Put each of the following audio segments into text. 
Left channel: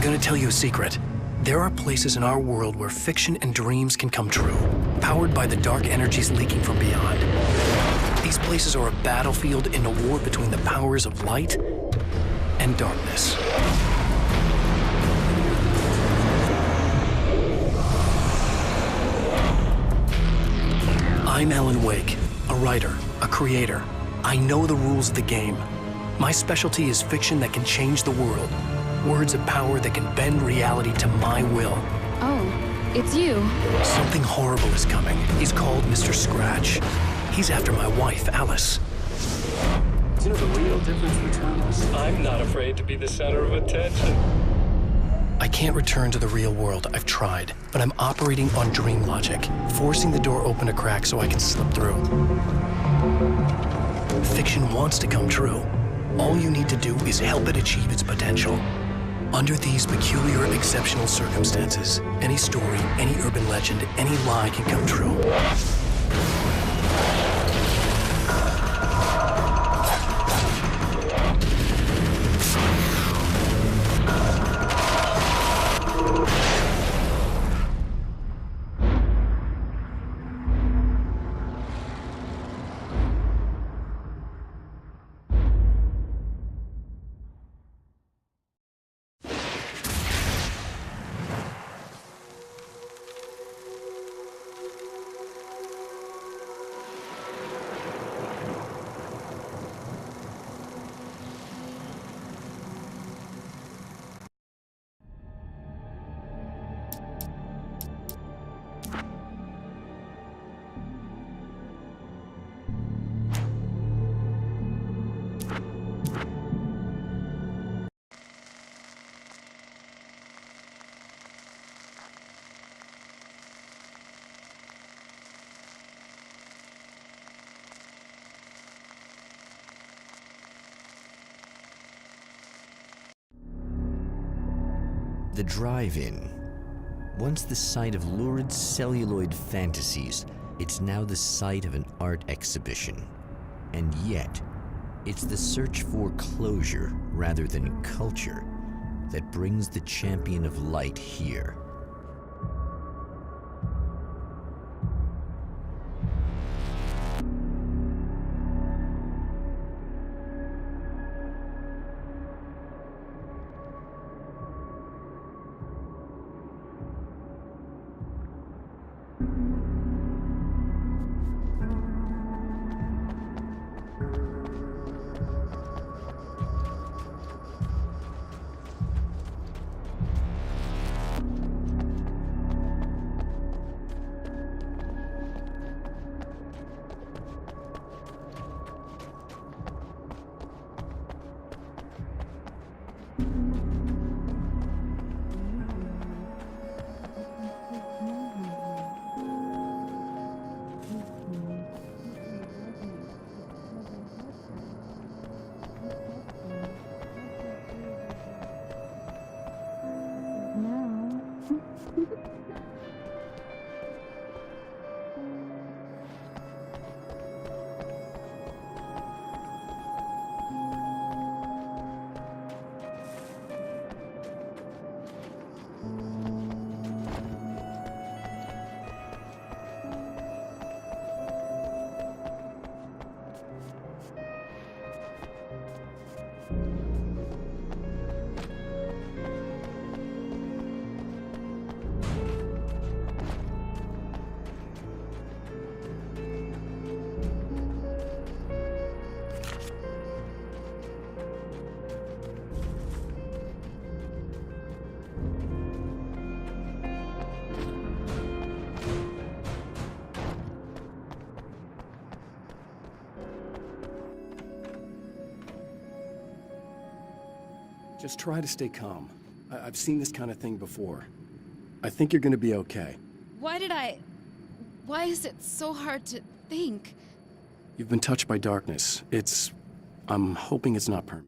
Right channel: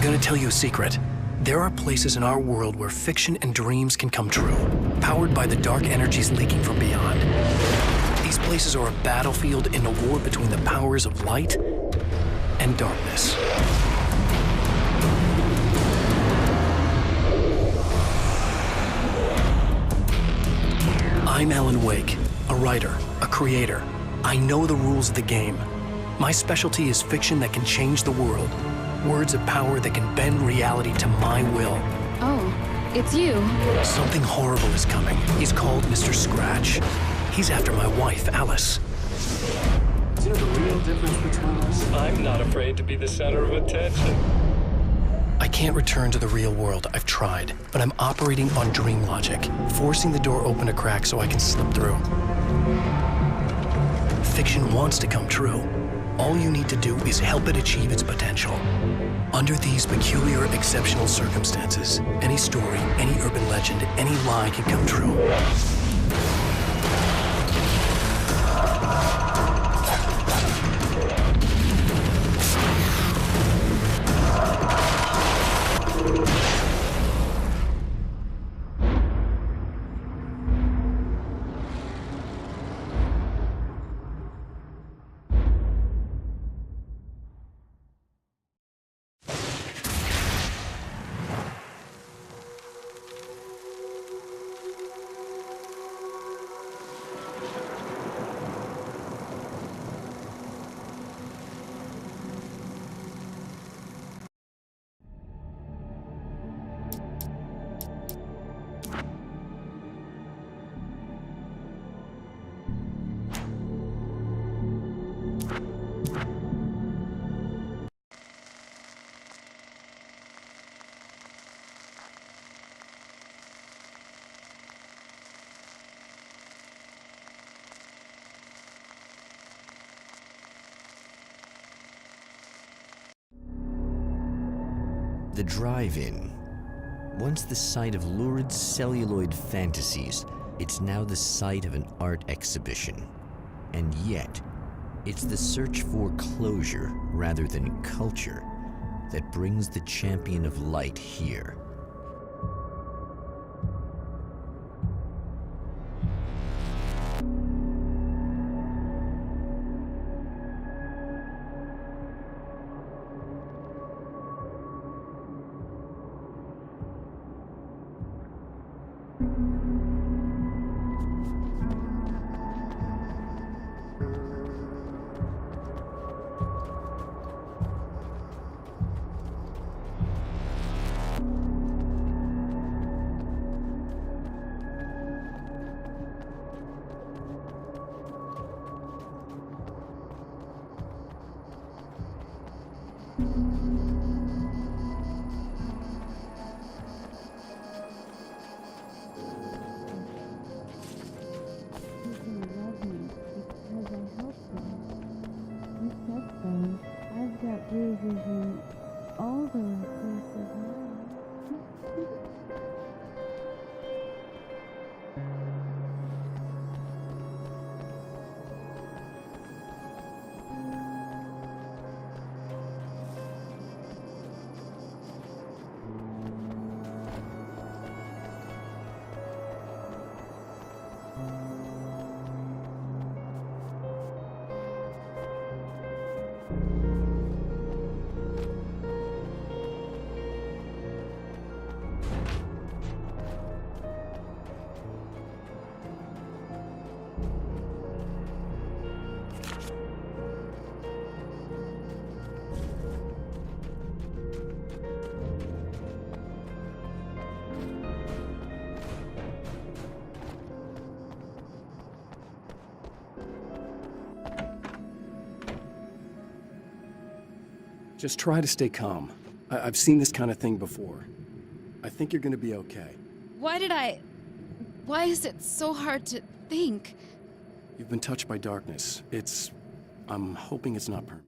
I'm gonna tell you a secret. There are places in our world where fiction and dreams can come true, powered by the dark energies leaking from beyond. These places are a battlefield in a war between the powers of light and darkness. I'm Alan Wake, a writer, a creator. I know the rules of the game. My specialty is fiction that can change the world. Words of power that can bend reality to my will. Oh, it's you. Something horrible is coming. He's called Mr. Scratch. He's after my wife, Alice. Do you know the real difference between us? I'm not afraid to be the center of attention. I can't return to the real world. I've tried, but I'm operating on dream logic, forcing the door open a crack so I can slip through. Fiction wants to come true. All you need to do is help it achieve its potential. Under these peculiar, exceptional circumstances, any story, any urban legend, any lie can come true. The drive-in. Once the site of lurid celluloid fantasies, it's now the site of an art exhibition. And yet, it's the search for closure rather than culture that brings the champion of light here. Just try to stay calm. I've seen this kind of thing before. I think you're gonna be okay. Why is it so hard to think? You've been touched by darkness. I'm hoping it's not permanent.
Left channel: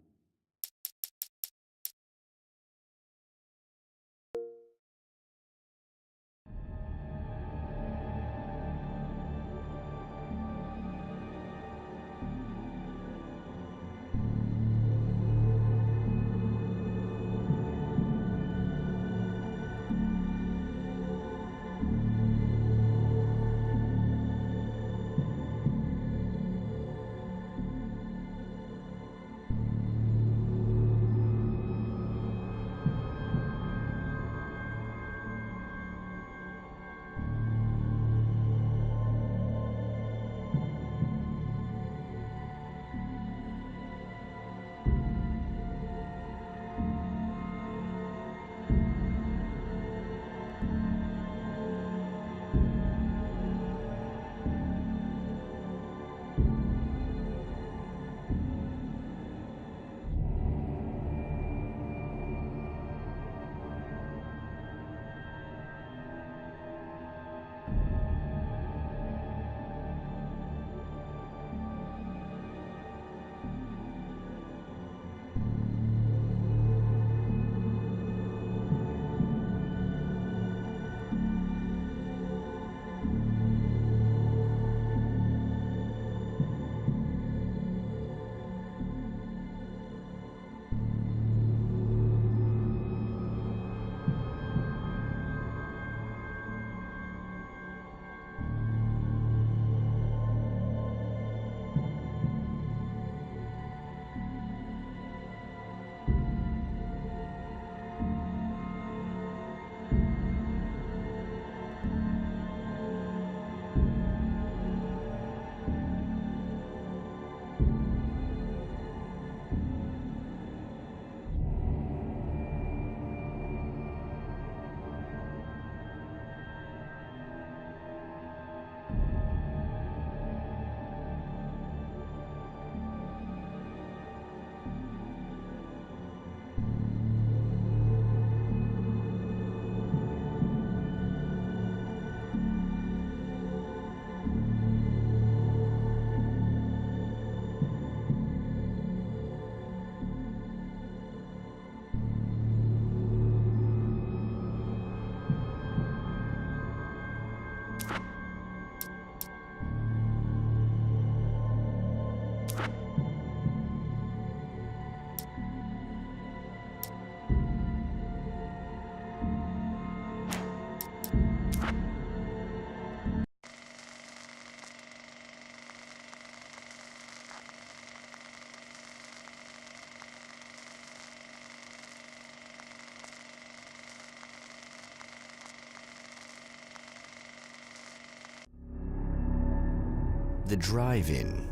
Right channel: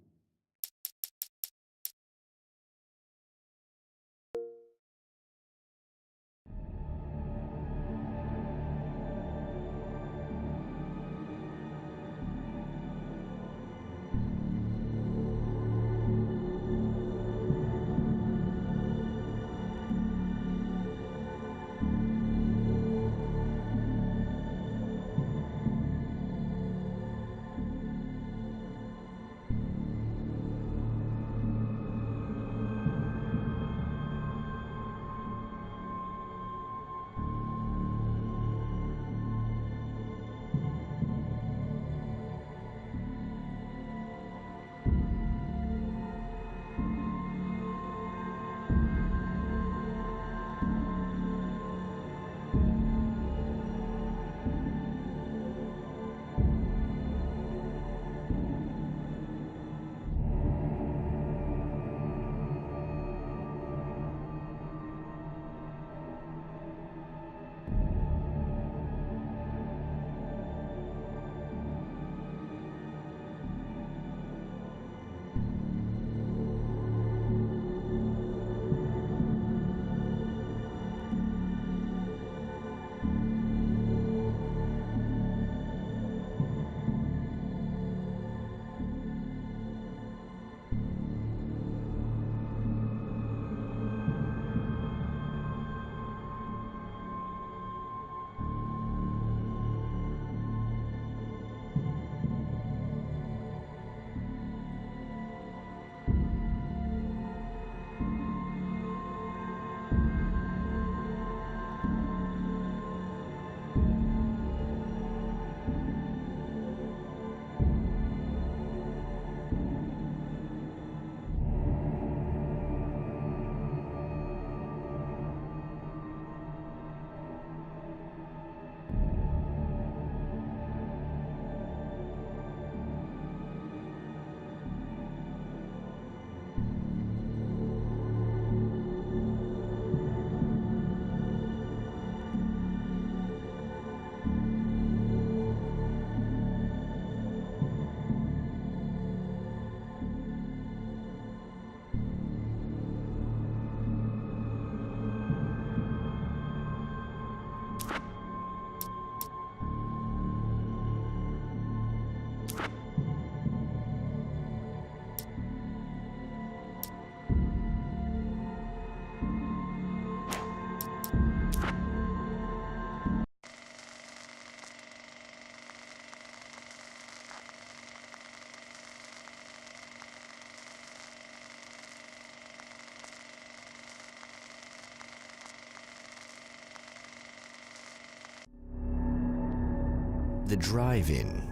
The drive-in.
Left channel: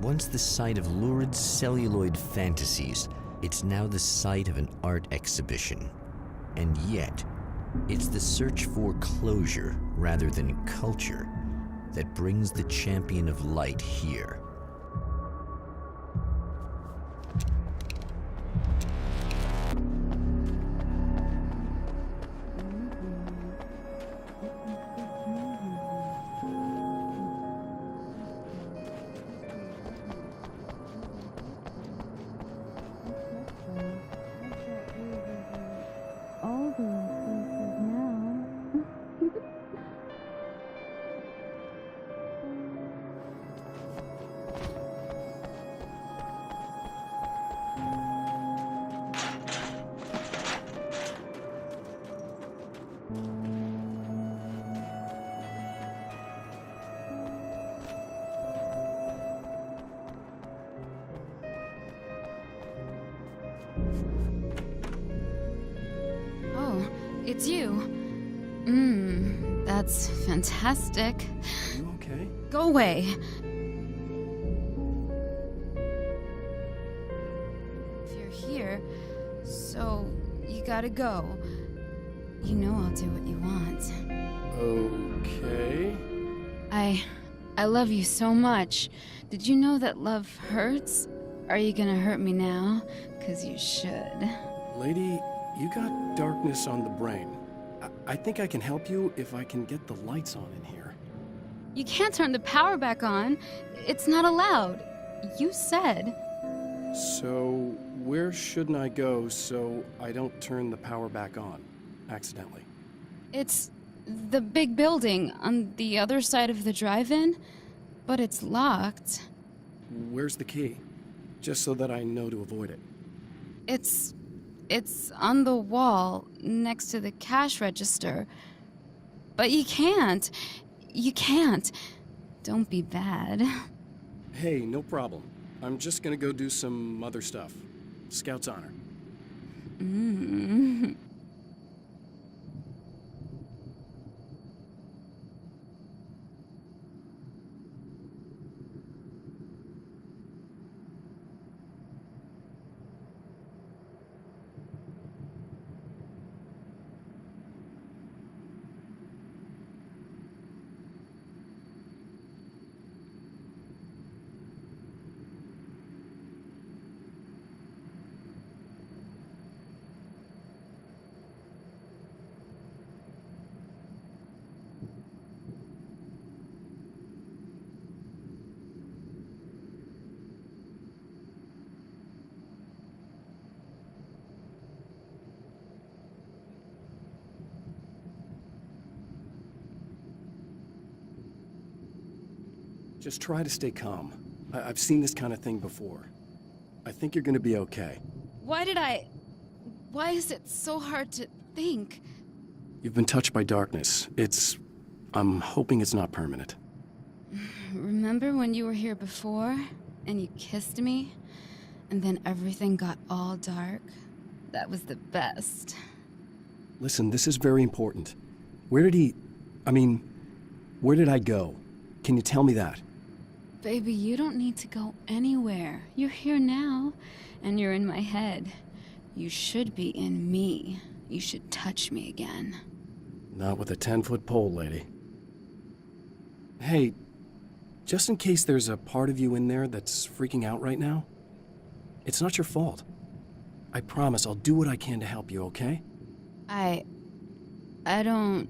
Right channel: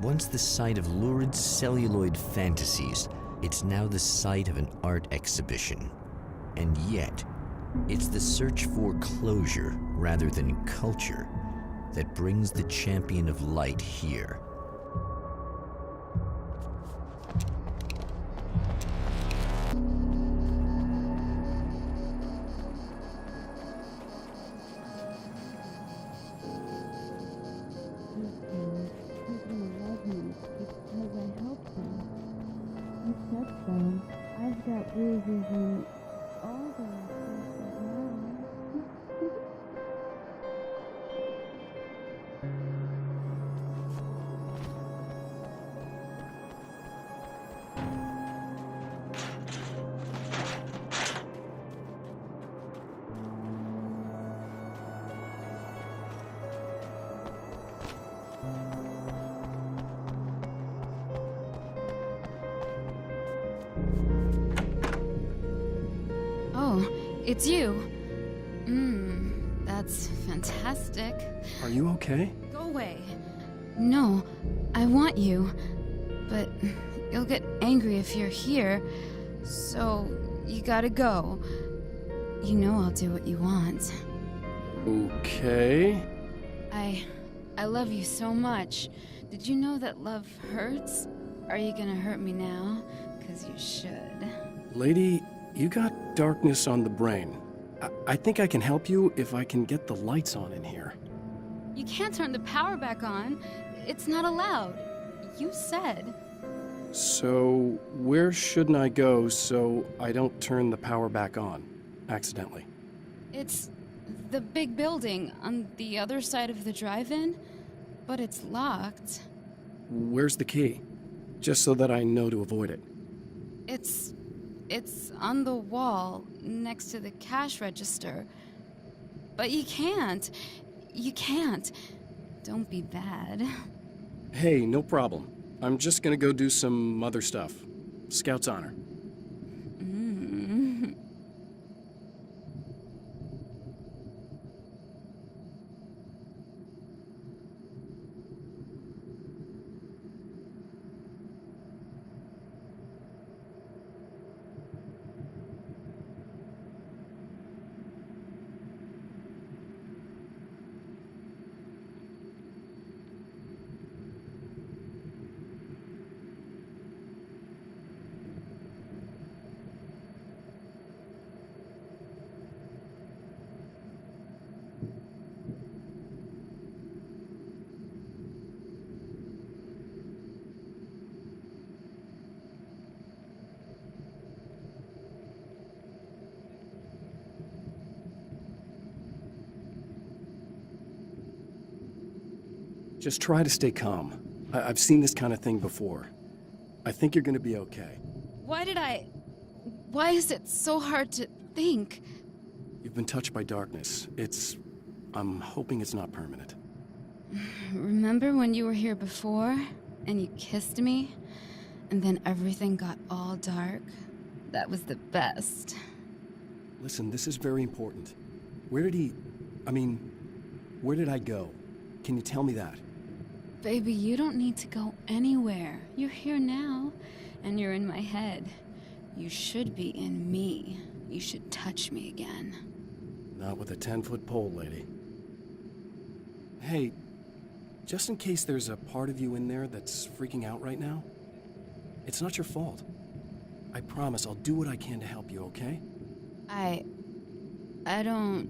Once the site of lurid celluloid fantasies, it's now the site of an art exhibition. And yet, it's the search for closure rather than culture that brings the champion of light here. I've got bruises in all the places now. Oh, it's you. That's fantastic. Are you okay? Go away. No, I want you. But you'll get angry if you're here. So, you gotta go. You know I'll do what you want. Okay. I love you so much. Did you know that love hurts? Are you gonna hurt me now? 'Cause you should. Lady, you got darkness on the brain. I think I can help you if I can get the lights on in here. You can't turn the power back on. It's not allowed. You said. So, where shouldn't I go so I don't turn the power back on accidentally? It's the big building on the other side of the drive-in, but it's locked. Where's the key? Just so that I know to avoid it. It's on the wall next to the cash register. But you can't. You can't. Don't be bad. Hey, no problem. I'm just gonna go do some other stuff. Scout's honor. Just try to stay calm. I've seen this kind of thing before. I think you're gonna be okay. Why is it so hard to think? You've been touched by darkness. I'm hoping it's not permanent. Remember when you were here before and you kissed me? And then everything got all dark? That was the best. Listen, this is very important. Where did I go? Can you tell me that? Baby, you don't need to go anywhere. You're here now, and you're in my head. You should be in me. You should touch me again. Not with a 10-foot pole, lady. Hey, just in case there's a part of you in there that's freaking out right now, it's not your fault. I promise I'll do what I can to help you, okay? I don't...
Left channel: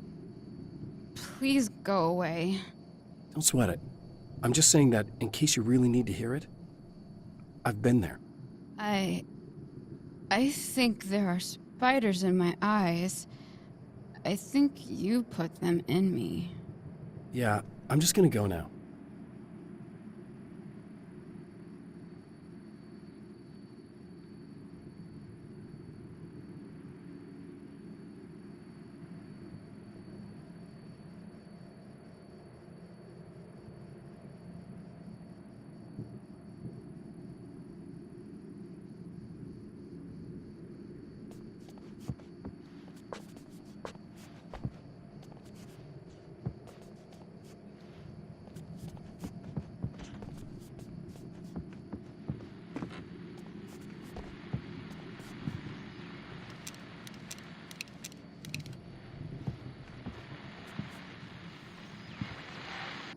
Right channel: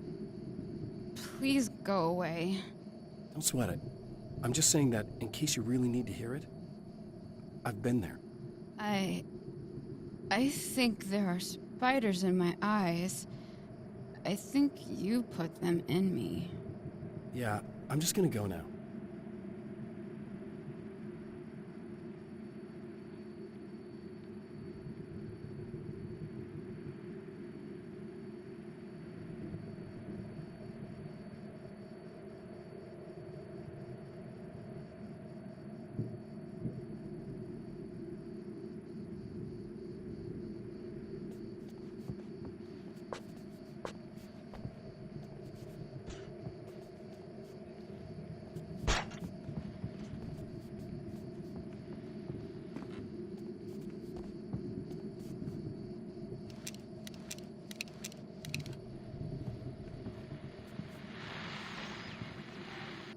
Please go away. Don't sweat it. I'm just saying that in case you really need to hear it, I've been there. I think there are spiders in my eyes. I think you put them in me. Yeah, I'm just gonna go now.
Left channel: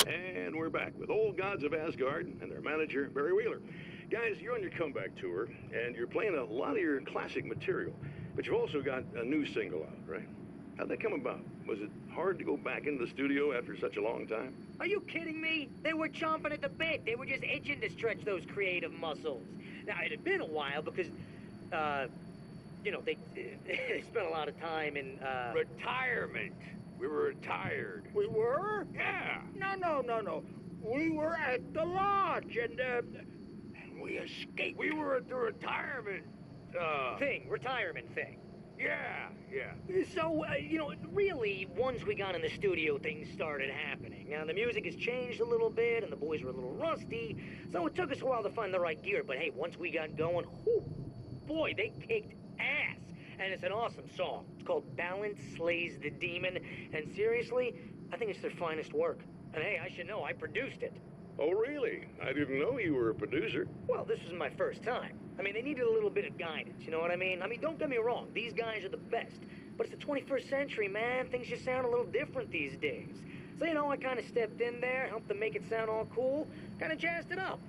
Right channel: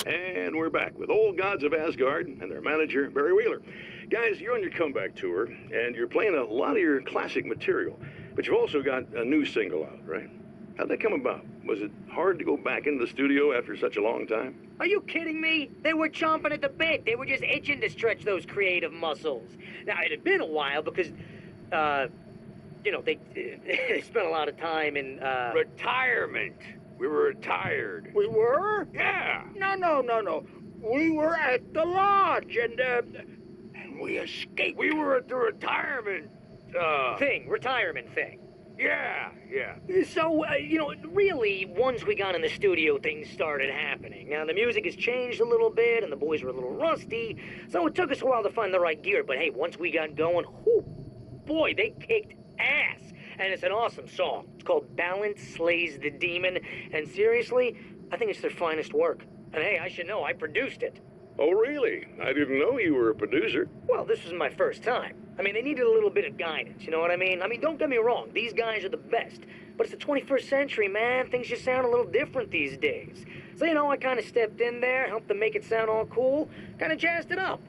And we're back with Old Gods of Asgard and their manager, Barry Wheeler. Guys, you're on your comeback tour, and you're playing a lot of your classic material, but you've also got a new single out, right? How'd that come about? Was it hard to go back into the studio after such a long time? Are you kidding me? They were chomping at the bit. They were just itching to stretch those creative muscles. Now, it had been a while because, you know, they spent a lot of time in, Retirement. We were retired. We were? Yeah. No. We were at the lodge, and We escaped. We were at the retirement, retirement thing. Yeah. So, you know, really, once we got in the studio, things started happening. Now, the music has changed a little bit, and the boys were a little rusty, so it took us a while to find the right gear. But hey, once we got going, whew, boy, they kicked ass. And it's an awesome song. It's called Balance Slays the Demon, and seriously, I think it's their finest work. And hey, I should know, I produced it. Oh, really? I didn't know you were a producer. Well, this was my first time. I mean, they needed a little bit of guidance, you know what I mean? I mean, don't get me wrong, these guys are the best. But it's the 21st century, man. Things just sound a little different these days. So, you know, I kind of stepped in there, helped them make it sound all cool, kind of jazzed it up.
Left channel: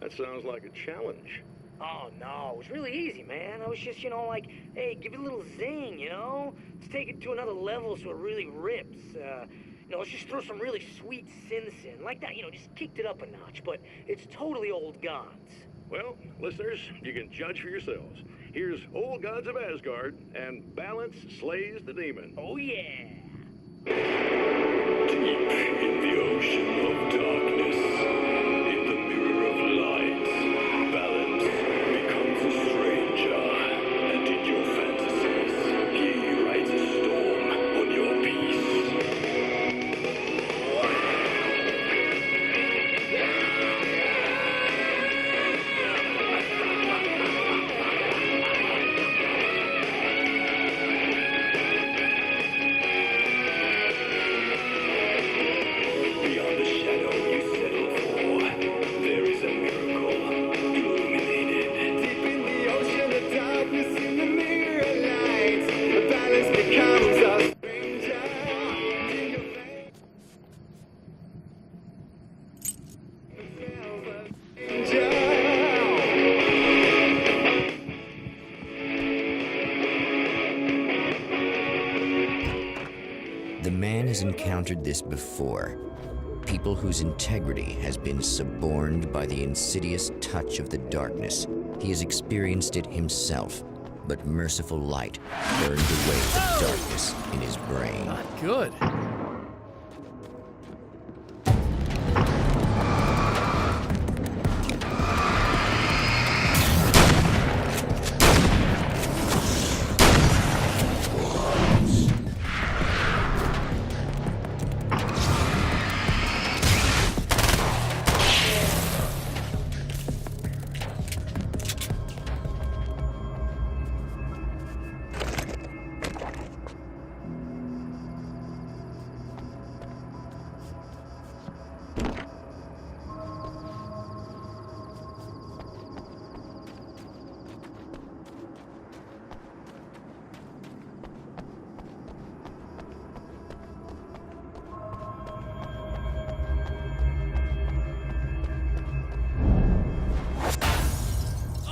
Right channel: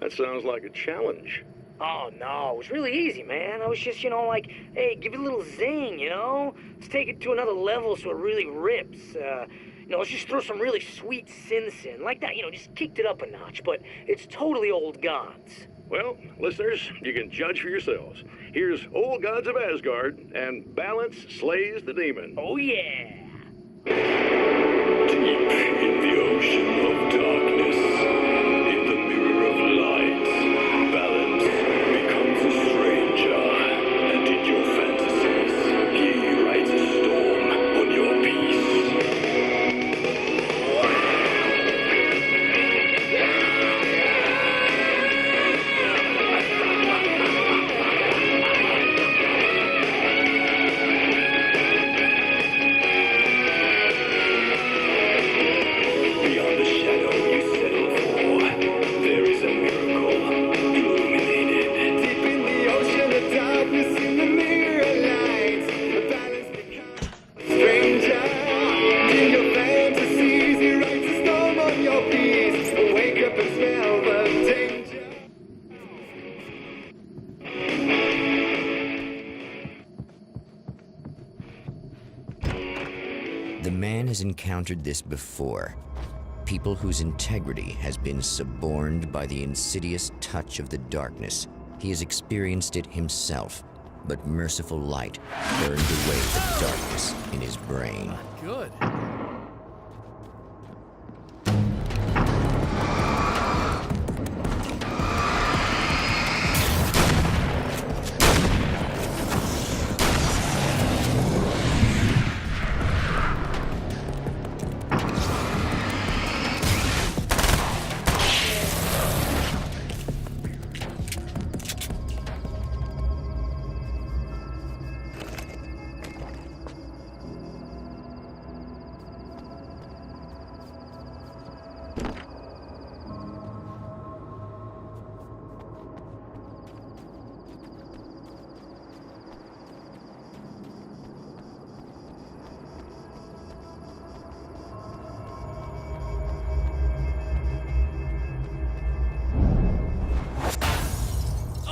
That sounds like a challenge. Oh, no, it was really easy, man. I was just, you know, like, hey, give it a little zing, you know? Let's take it to another level so it really rips. You know, let's just throw some really sweet synths in. Like that, you know, just kicked it up a notch. But it's totally Old Gods. Well, listeners, you can judge for yourselves. Here's Old Gods of Asgard and Balance Slays the Demon. Oh, yeah. Deep in the ocean of darkness, in the mirror of light, balance becomes a stranger, and in your fantasies, he rides a storm on your peace. Beyond the shadow you settle for, there is a miracle illuminated. Deep in the ocean of darkness, in the mirror of light, the balance becomes a stranger. In your fantasies, he writes a storm on your peace. Wake up and smell the danger. The man has encountered this before. People whose integrity has been suborned by the insidious touch of the darkness. He has experienced it himself, but merciful light burned away the darkness in his brain. Not good.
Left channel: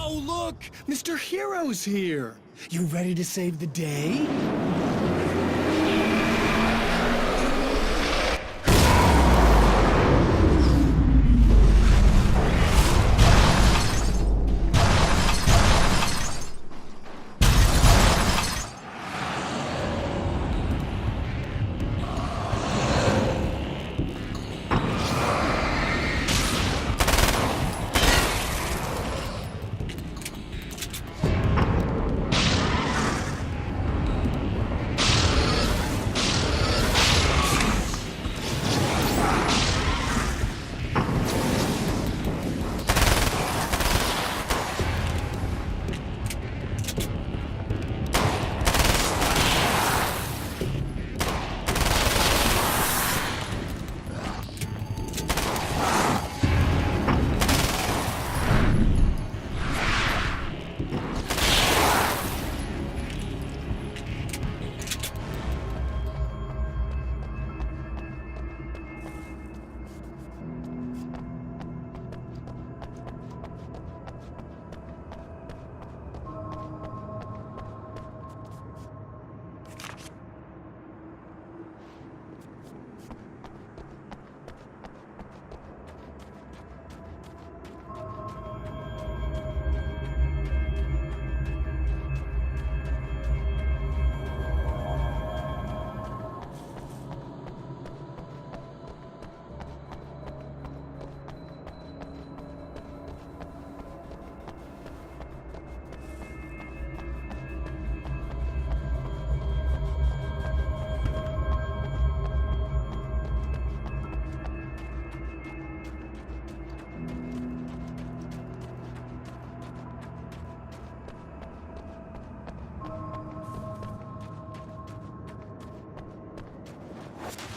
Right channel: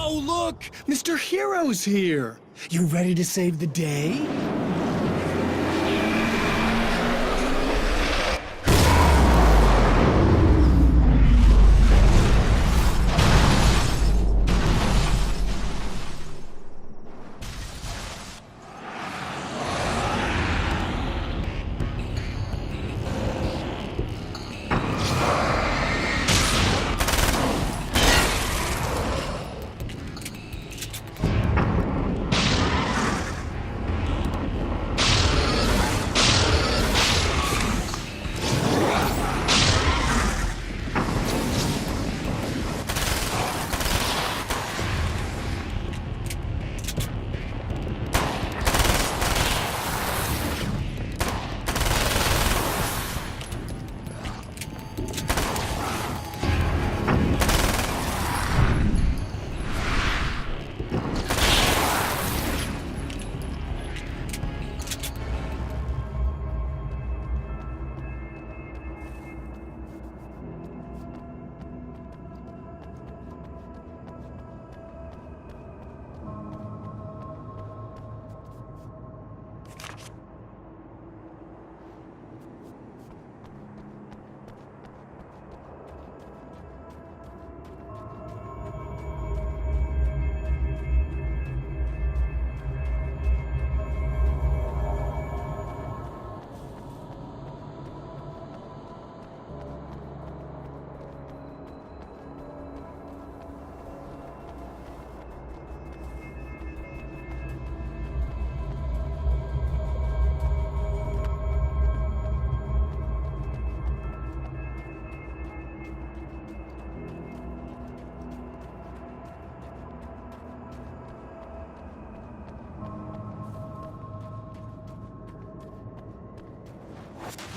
Oh, look! Mr. Hero's here! You ready to save the day?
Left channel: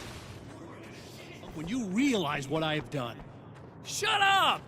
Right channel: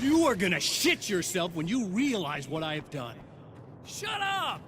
You are gonna shit yourself when you realize what I have done. Shut up!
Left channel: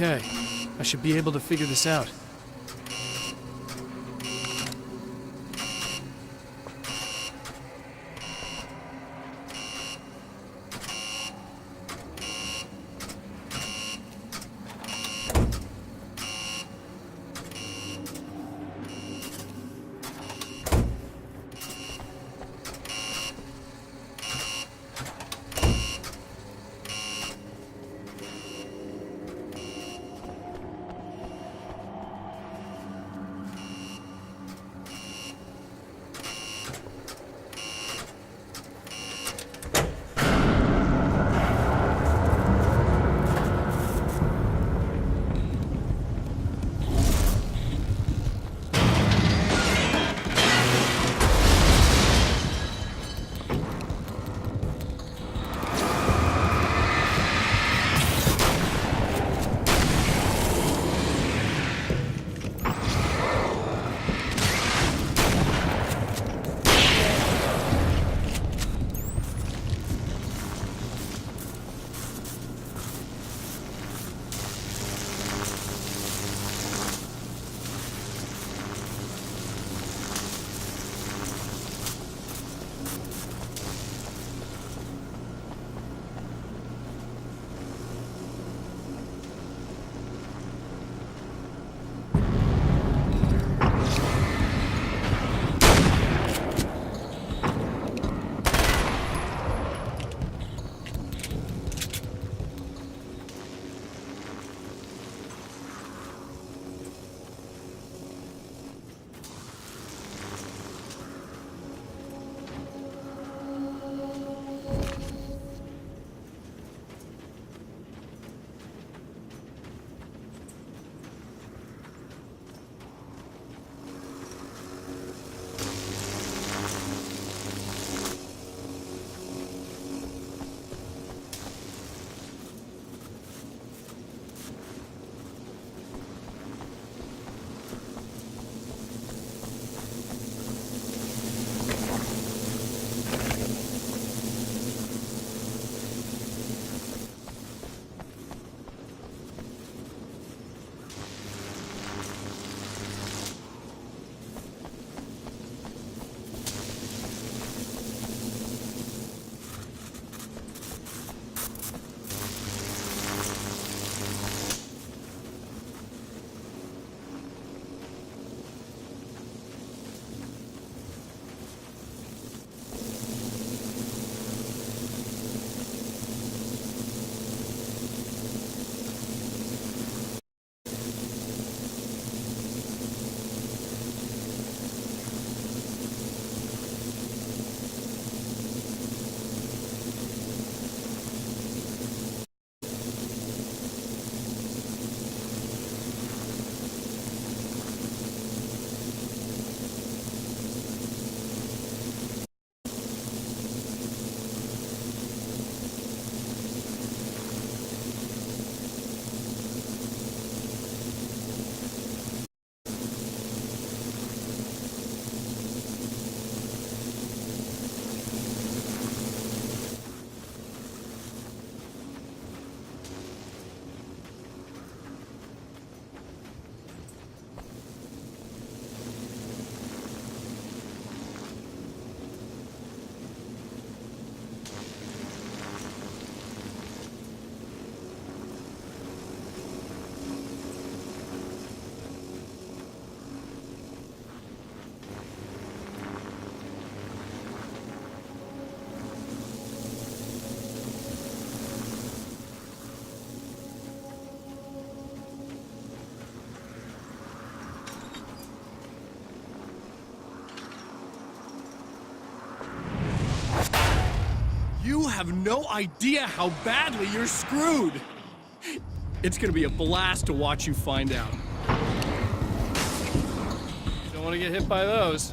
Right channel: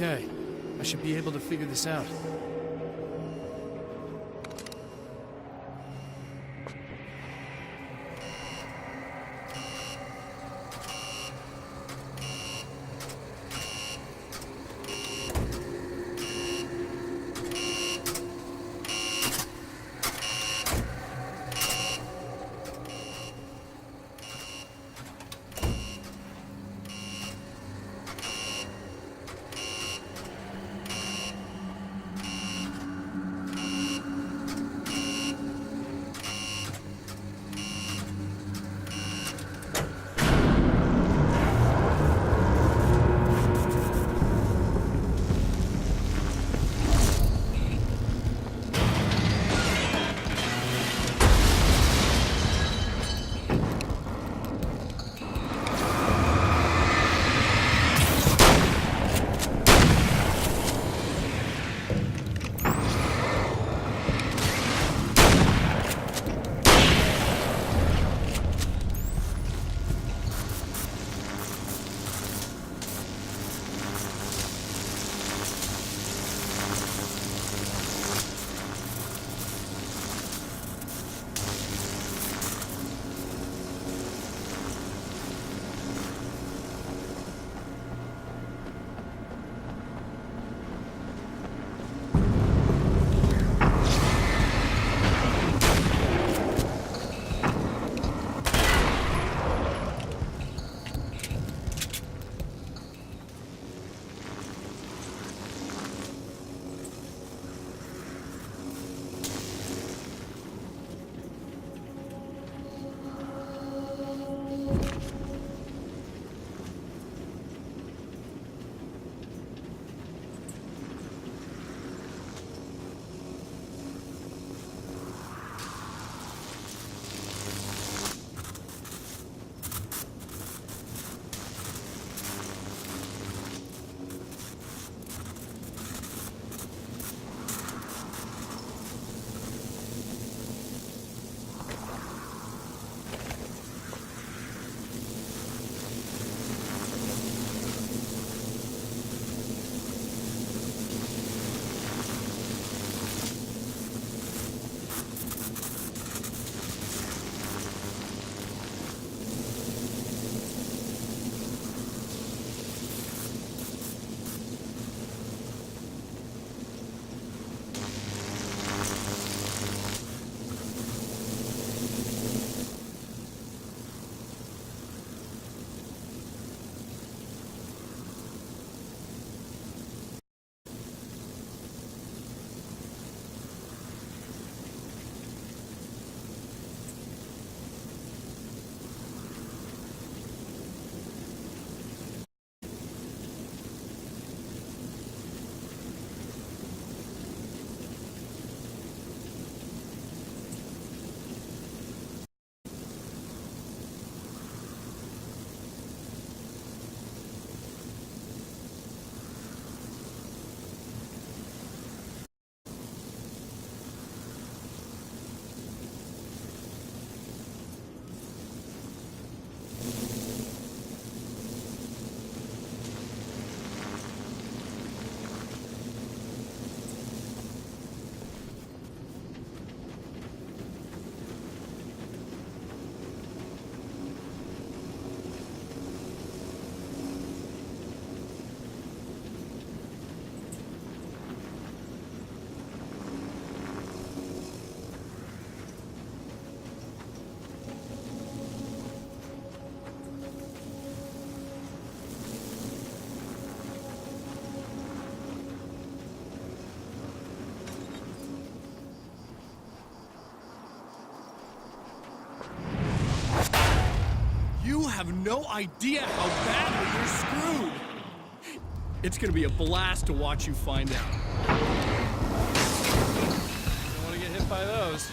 Okay, I should be able to figure this out. You have no idea how badly you're screwed. It's gonna be a blast to watch you find out. Don't want to get hit by those.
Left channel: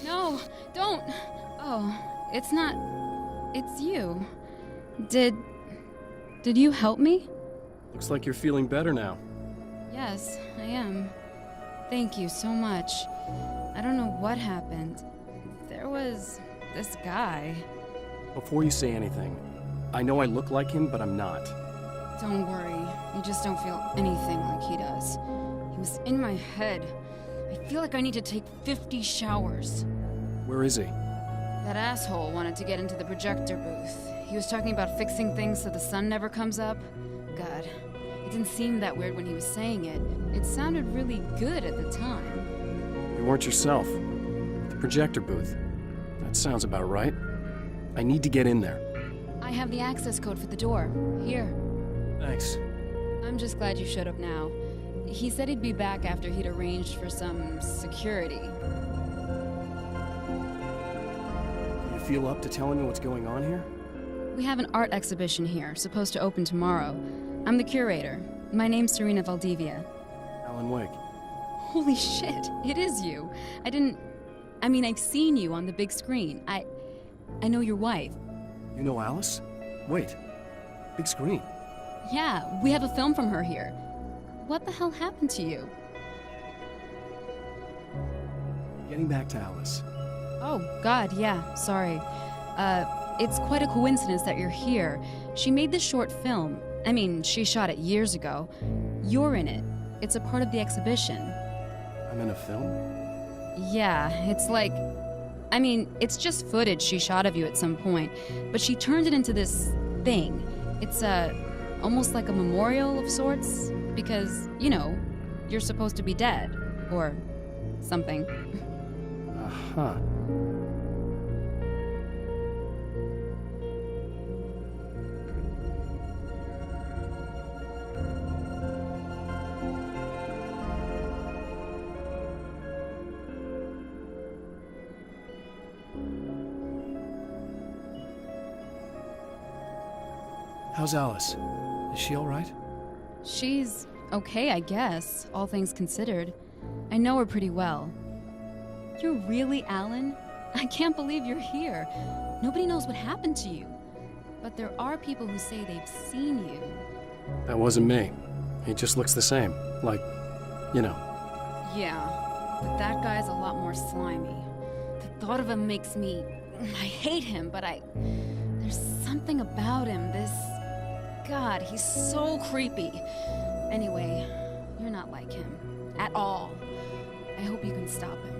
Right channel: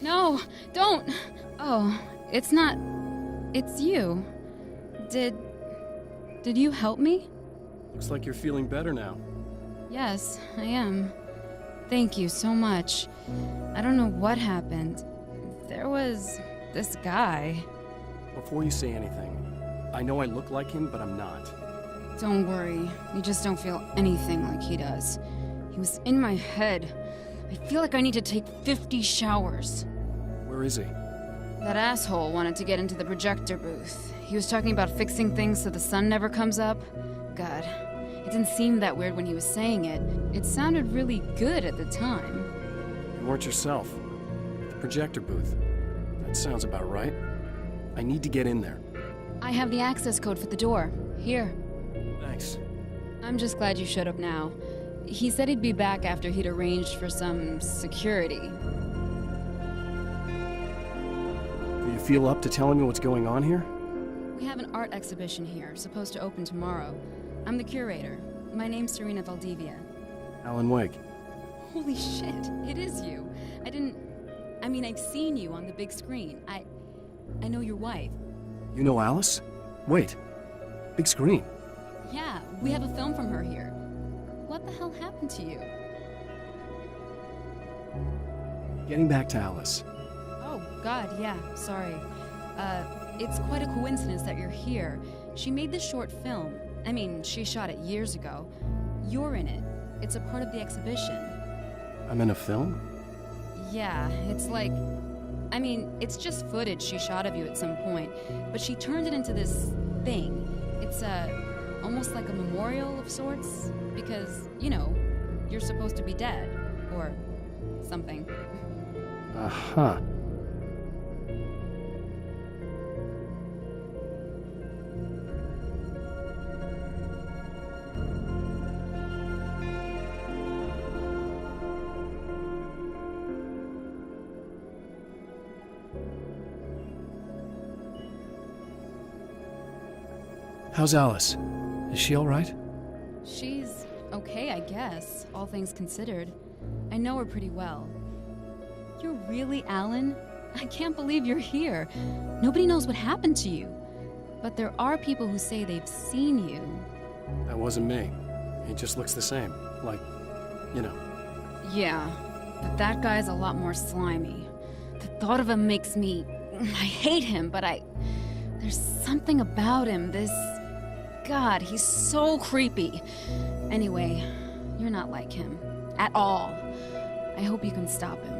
No, don't. Oh, it's not. It's you. Did you help me? Looks like you're feeling better now. Yes, I am. Thank you so much. I don't know what happened. There was this guy. Before you say anything, I know I look like him, but I'm not. Don't worry. You just don't feel anything like he does. He was in my head. I feel like I need to take 50 showers. Where is he? That asshole wanted to get into the projector booth. He was talking about fixing things so the sun never comes up. God, it didn't seem that weird when he was saying it. It sounded really good at the time. You weren't yourself. The projector booth. That sounds about right. I need to get in there. I have the access code for the door. Here. Thanks. I'm just glad you showed up now. He said he'd be back after he'd arranged for some security. Do you feel up to telling me what's going on here? We have an art exhibition here, supposed to open tomorrow. I'm the curator. My name's Serena Valdivia. Alan Wake. Holy shit, it is you. I've seen you on the big screen. I know your wife. You know Alice? Wait. Big screen. Yeah, we have a film from her here. What the hell happened to you? Getting back to Alice. Oh, God, yeah, sorry. It's quite a coincidence that you're here. She made this short film. She shot it years ago. You're in it. It's a part of the exhibition. I'm in a film? Yeah, it's just footage she shot of you at some point, but she turned it into this thing. It's, almost like a memorial of sorts, because, you're supposed to be dead, or something. Uh-huh. How's Alice? Is she all right? She's okay, I guess, all things considered. I know her pretty well. You're really Alan? I can't believe you're here. Nobody knows what happened to you. But there are people who say they've seen you. That wasn't me. He just looks the same. Like, Yeah, but that guy's a lot more slimy. The thought of him makes me... I hate him, but there's something about him, God, he's so creepy. Anyway, you're not like him. At all. I hope you can stop him.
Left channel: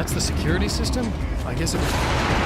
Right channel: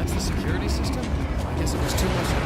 That's the security system? I guess it was...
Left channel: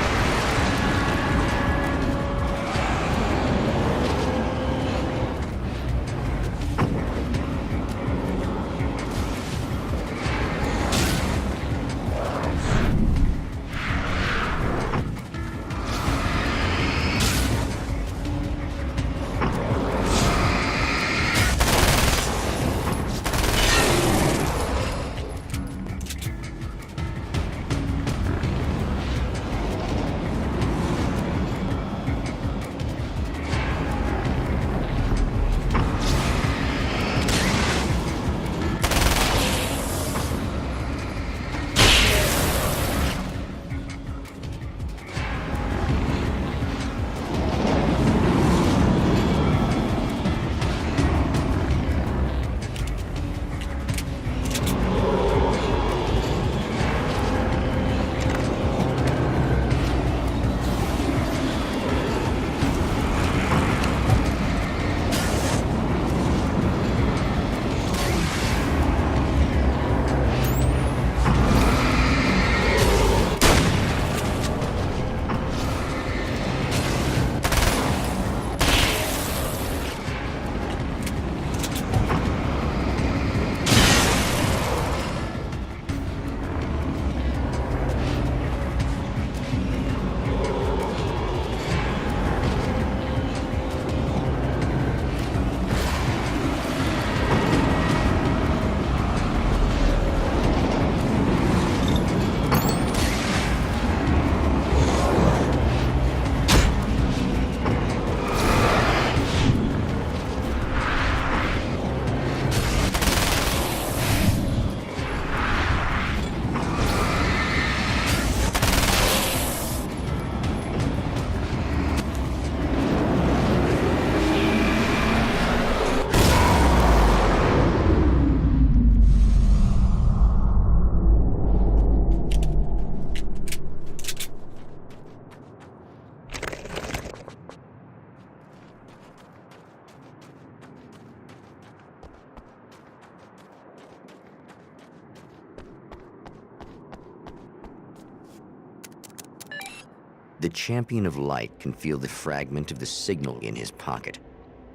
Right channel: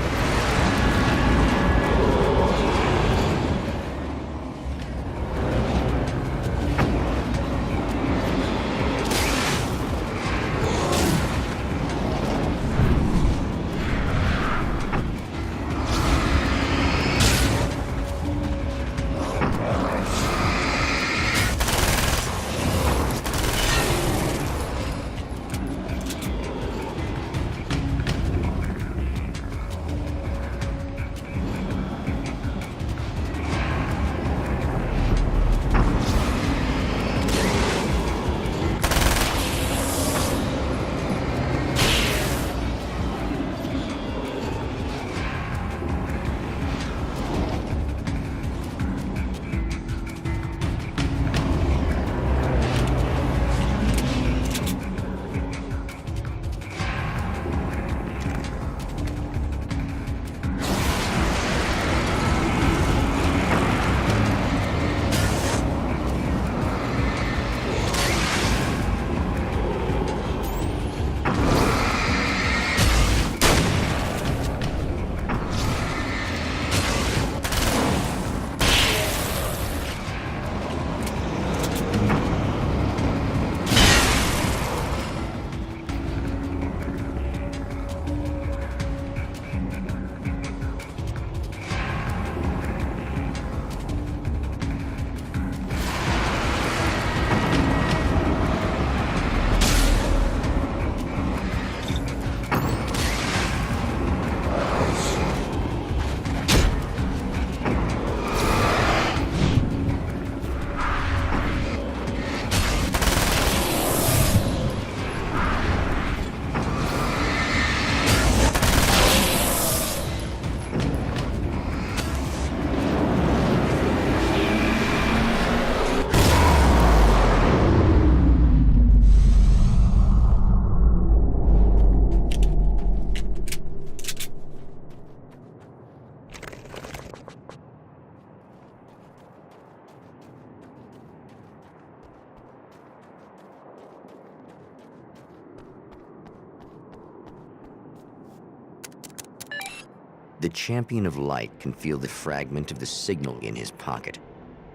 The champion of light can feel the fragment of the signal in his pocket,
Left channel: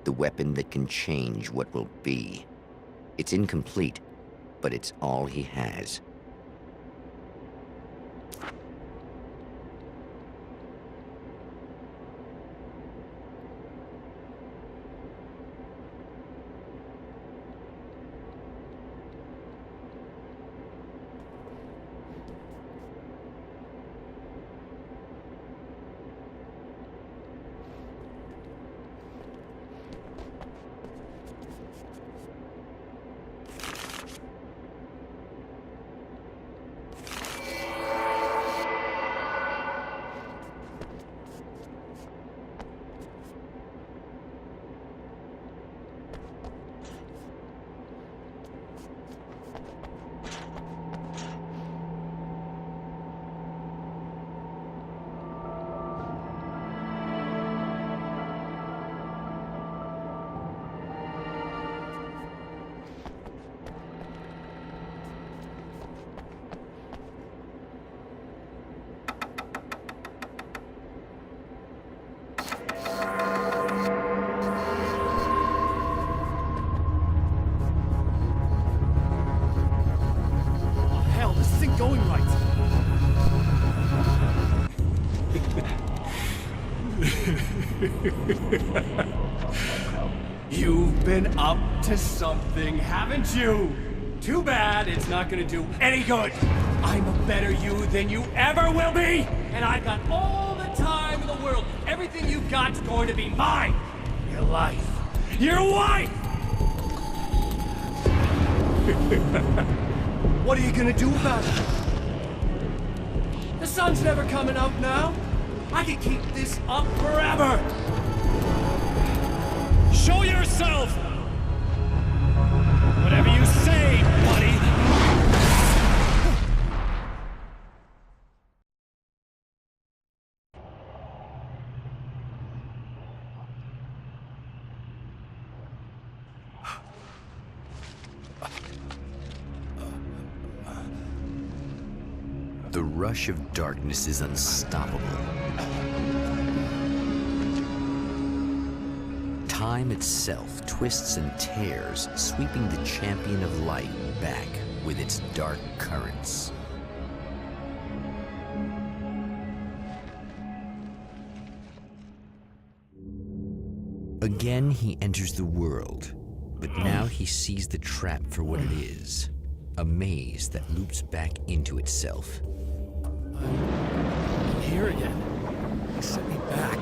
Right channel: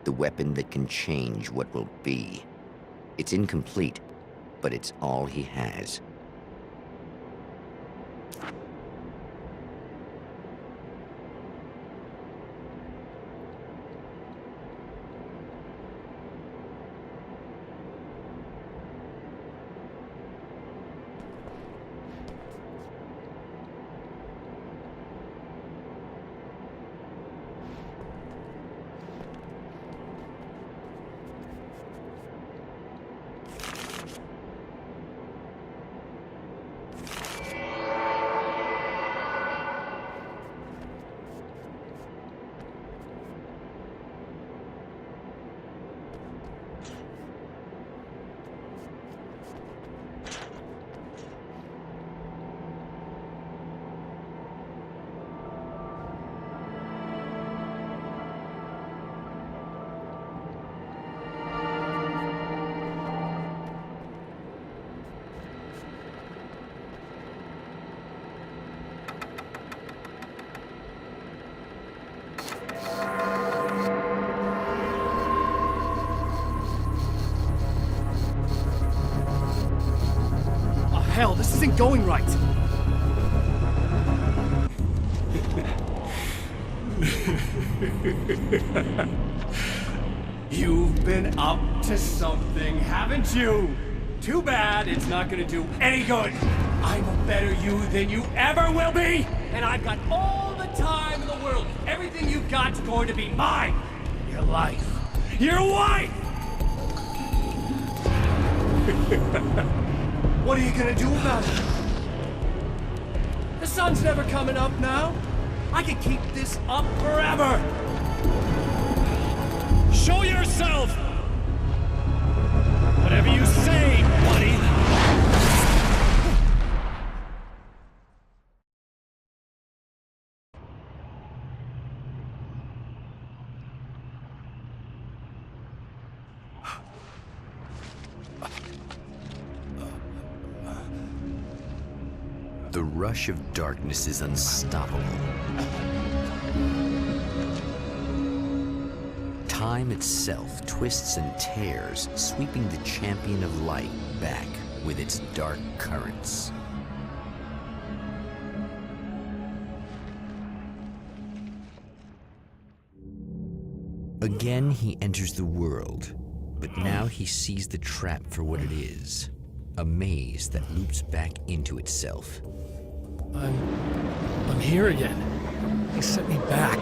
the weapon that can change what will be. It's incomplete, but it's all he has. Hell, this isn't going right. You've been up to something, haven't you? Too bad it's not gonna do any good. I'm a better you than you ever will be, and I've got all the time in the world. Everything you've got's going to be mine. Your life. Your wife! What are you gonna do about it? The sun's never coming up now. I can keep this up forever. Show yourself! Whatever you say, buddy. The rush of darkness is unstoppable. Time itself twists and tears, sweeping the champion of light back with its dark currents. Again, he enters the world, but now he sees the trap for what it is. A maze that loops back into itself. I'm here again. He sent me back.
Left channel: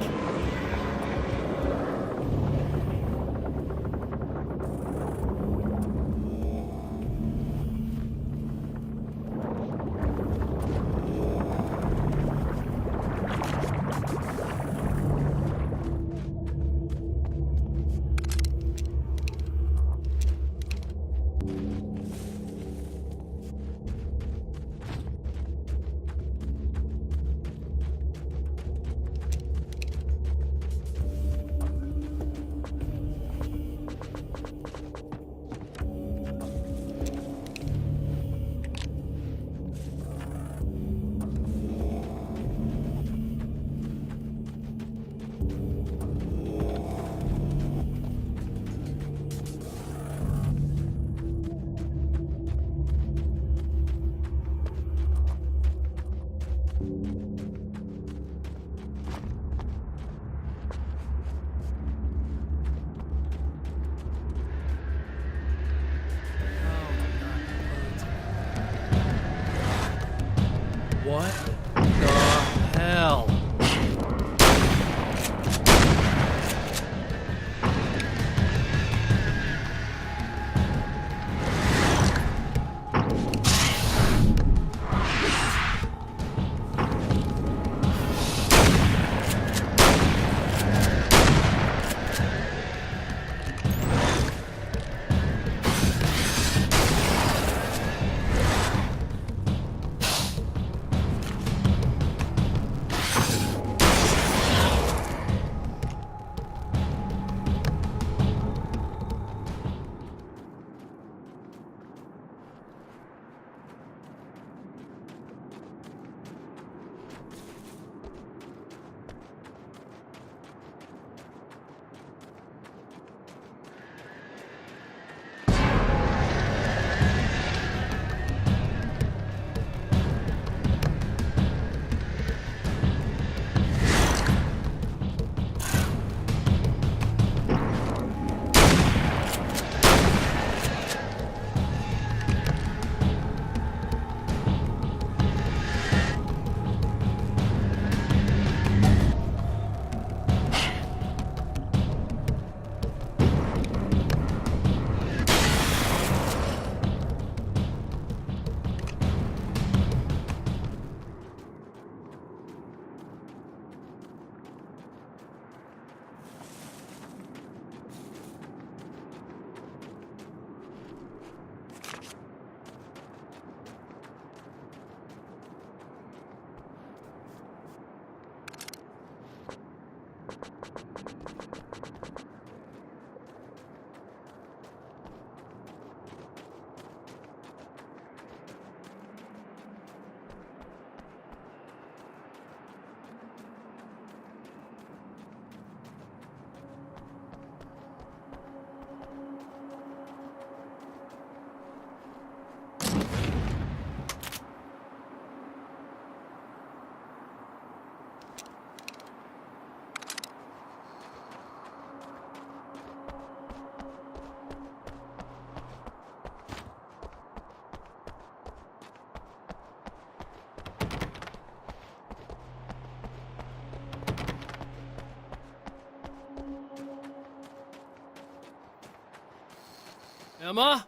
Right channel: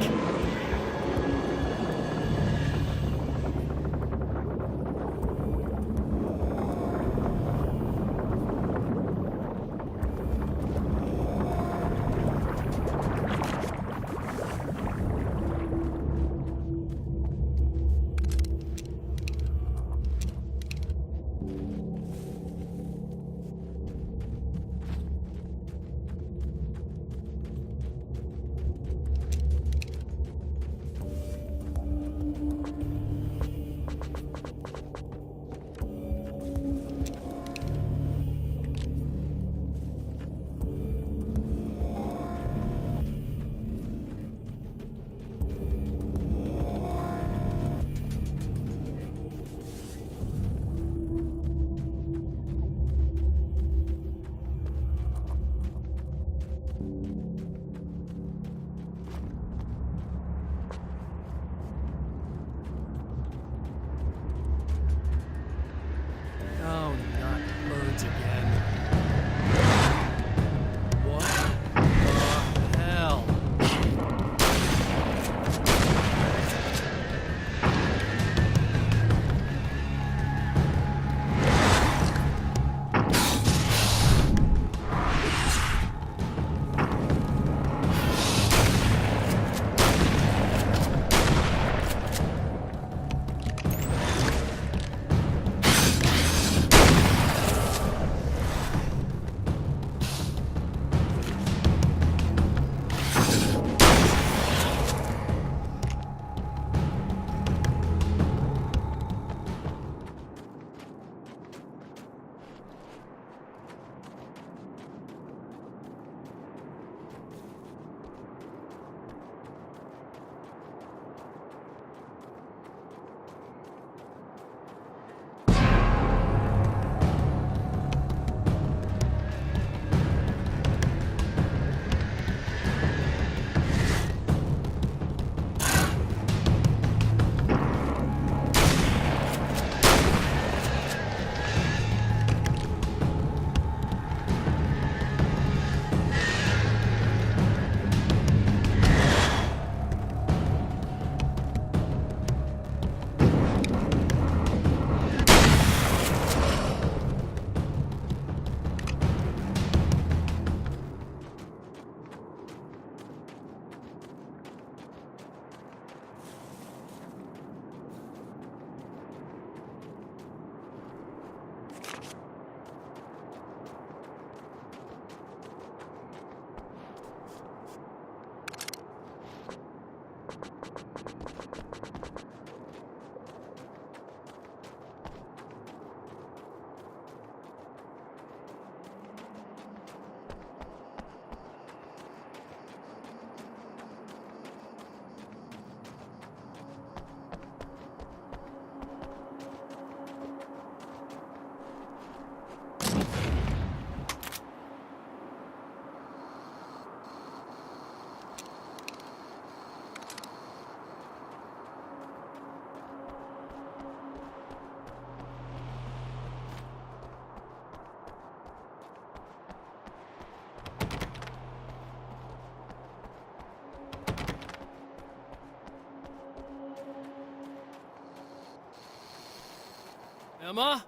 Emma?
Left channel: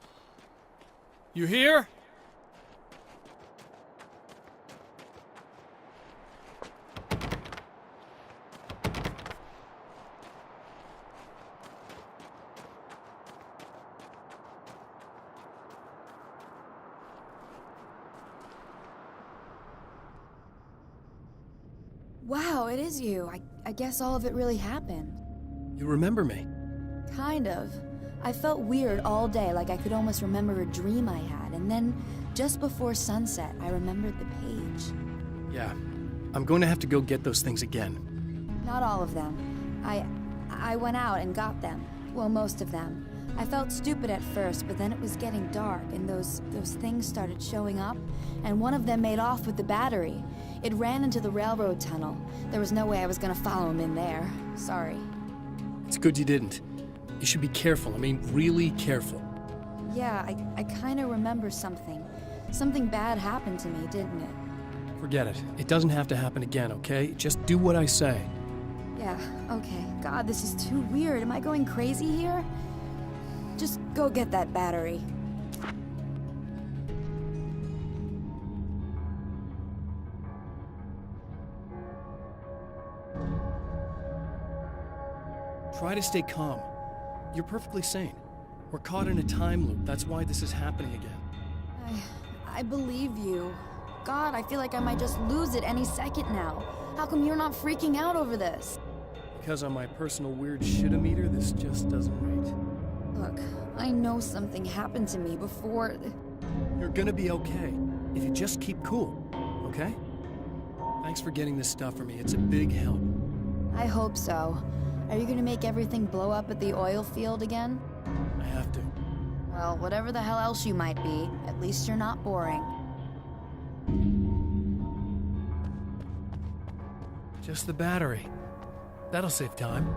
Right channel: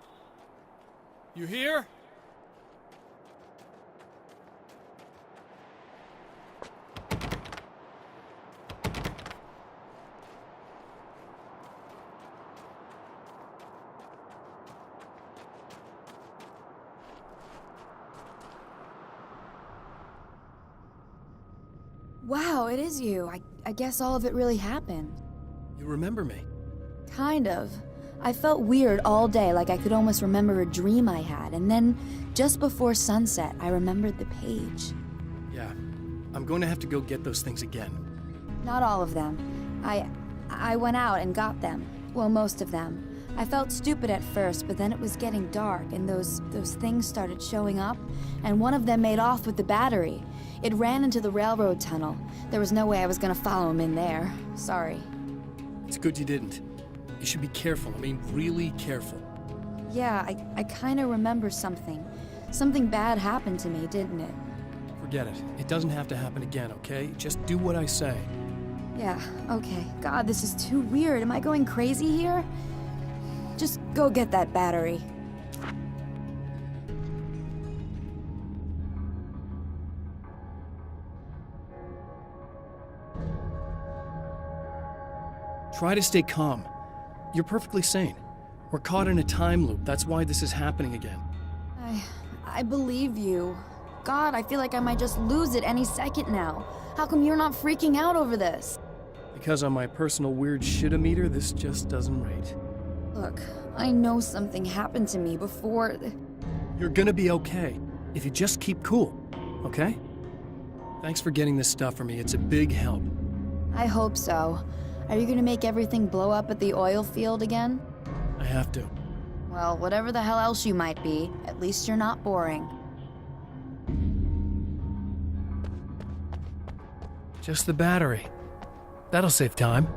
You here? Wow, it is you. I guess all of it really happened. You remember me? Kind of. I felt weird all day, like I could almost remember a dream I had, and then, just before sunset, I remembered the page. Yeah, I'm going to have to go get those things again. Not all of them. I went out and got them. Well, most of them. I felt stupid at first, but then it was getting dark, and those things started showing up, and one of them made off with the battery. It ran into the railroad tunnel. There was no way I was gonna follow him in there. Sorry. It's good you didn't. You should be careful. I mean, really careful. Yeah, I kinda remember something. Something bad happened to me, didn't it? Forget it. It doesn't have to happen again, okay? Just do what I say. Yeah, okay. God, this is too weird. Am I going crazy here? Just go get that battery. Try to stay calm. You're perfectly sane. We're caught in a time loop. That's why this is happening again. I believe you. God, I feel like I might just lose it any second now. How come you're not freaking out over this? Because on my personal weird shit-o-meter, this just doesn't rate. Look, I know something happened to me before... You're gonna be okay, if you just keep cool, okay? Thanks for getting this stuff for me. It's a big help. I hope so. Are you gonna make everything blow up at the oil field again? I have to. Well, whatever the hell else you might be, at least you're not boring. Just the battery. That'll save time.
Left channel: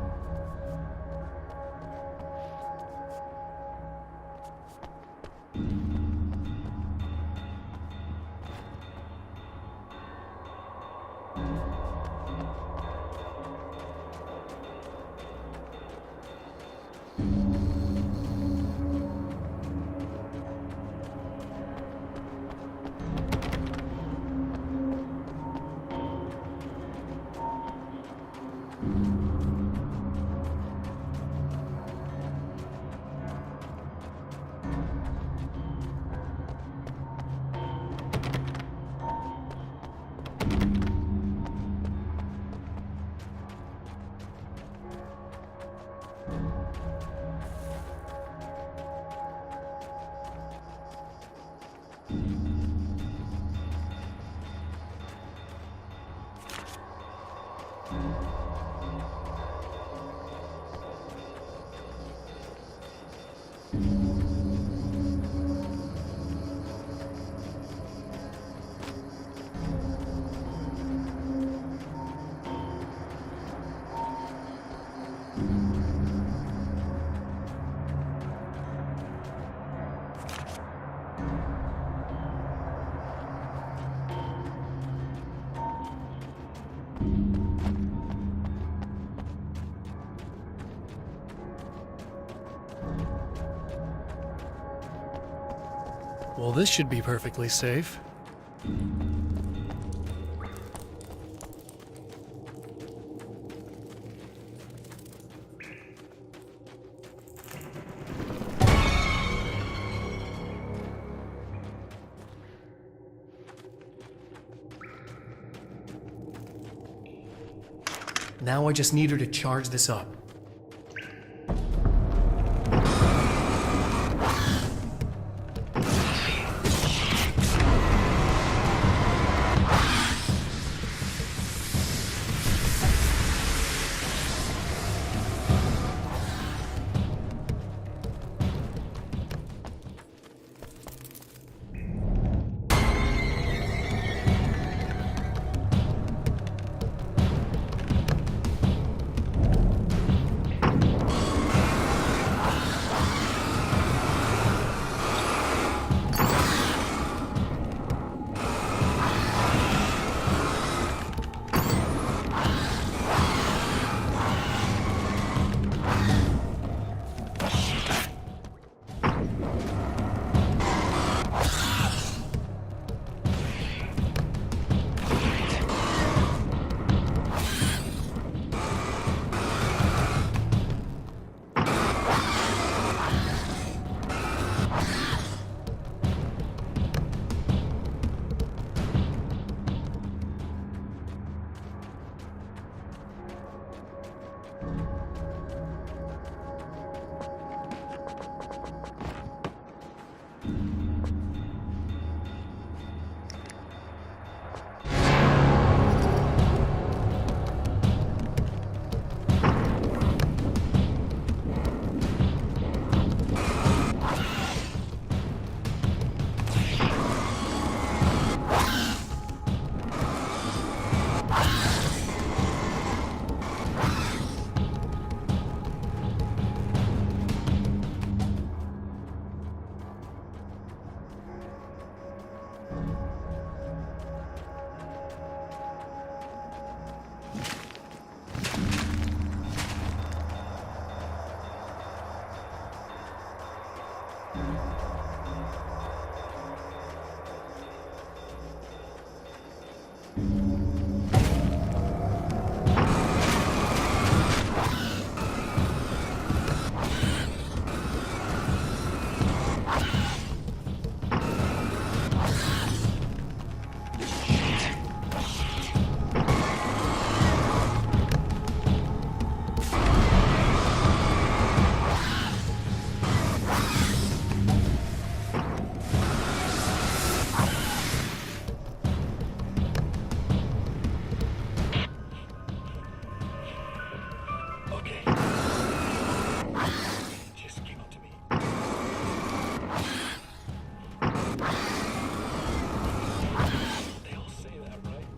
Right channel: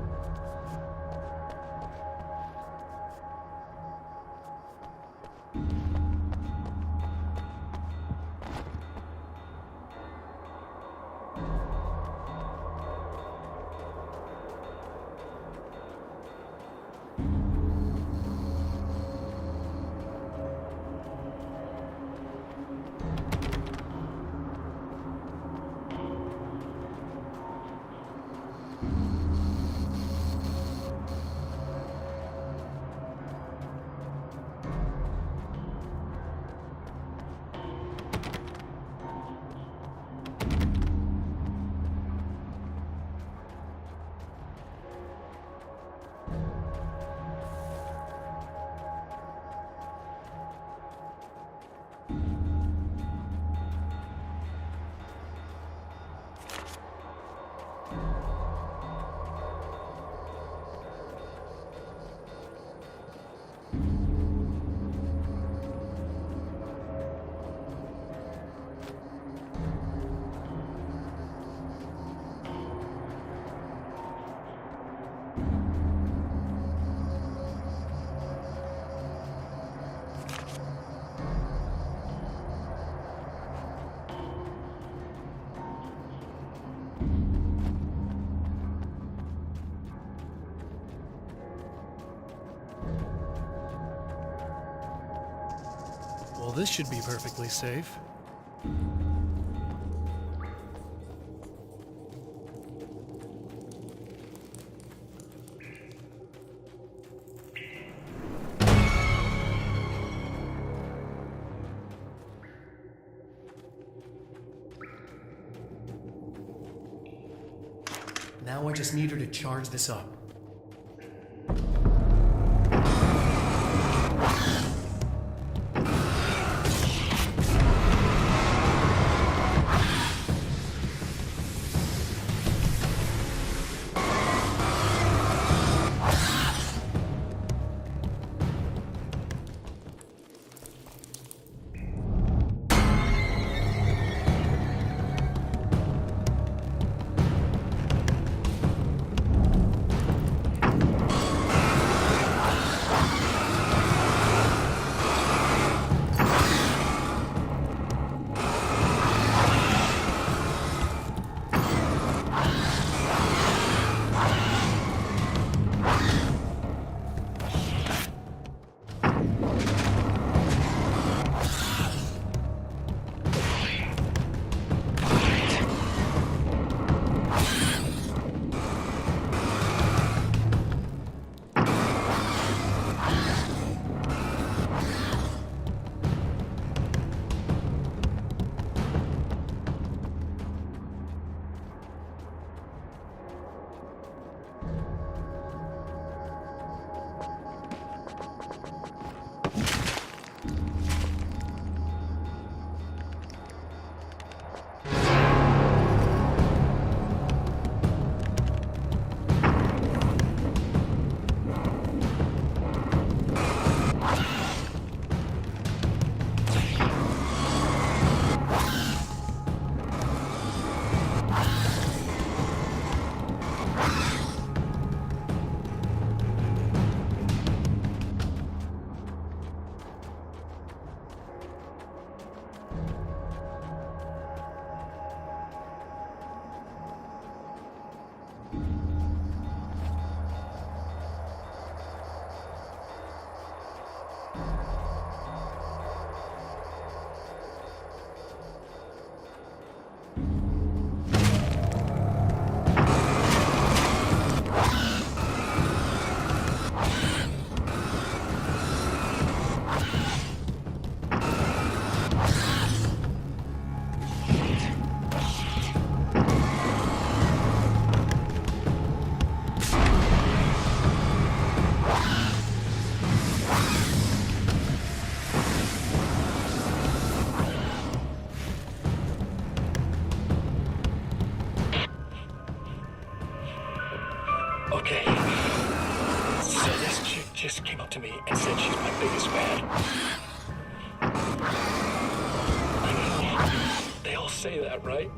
Well, this should be perfectly safe. Now I just need her to charge this up. say that, right?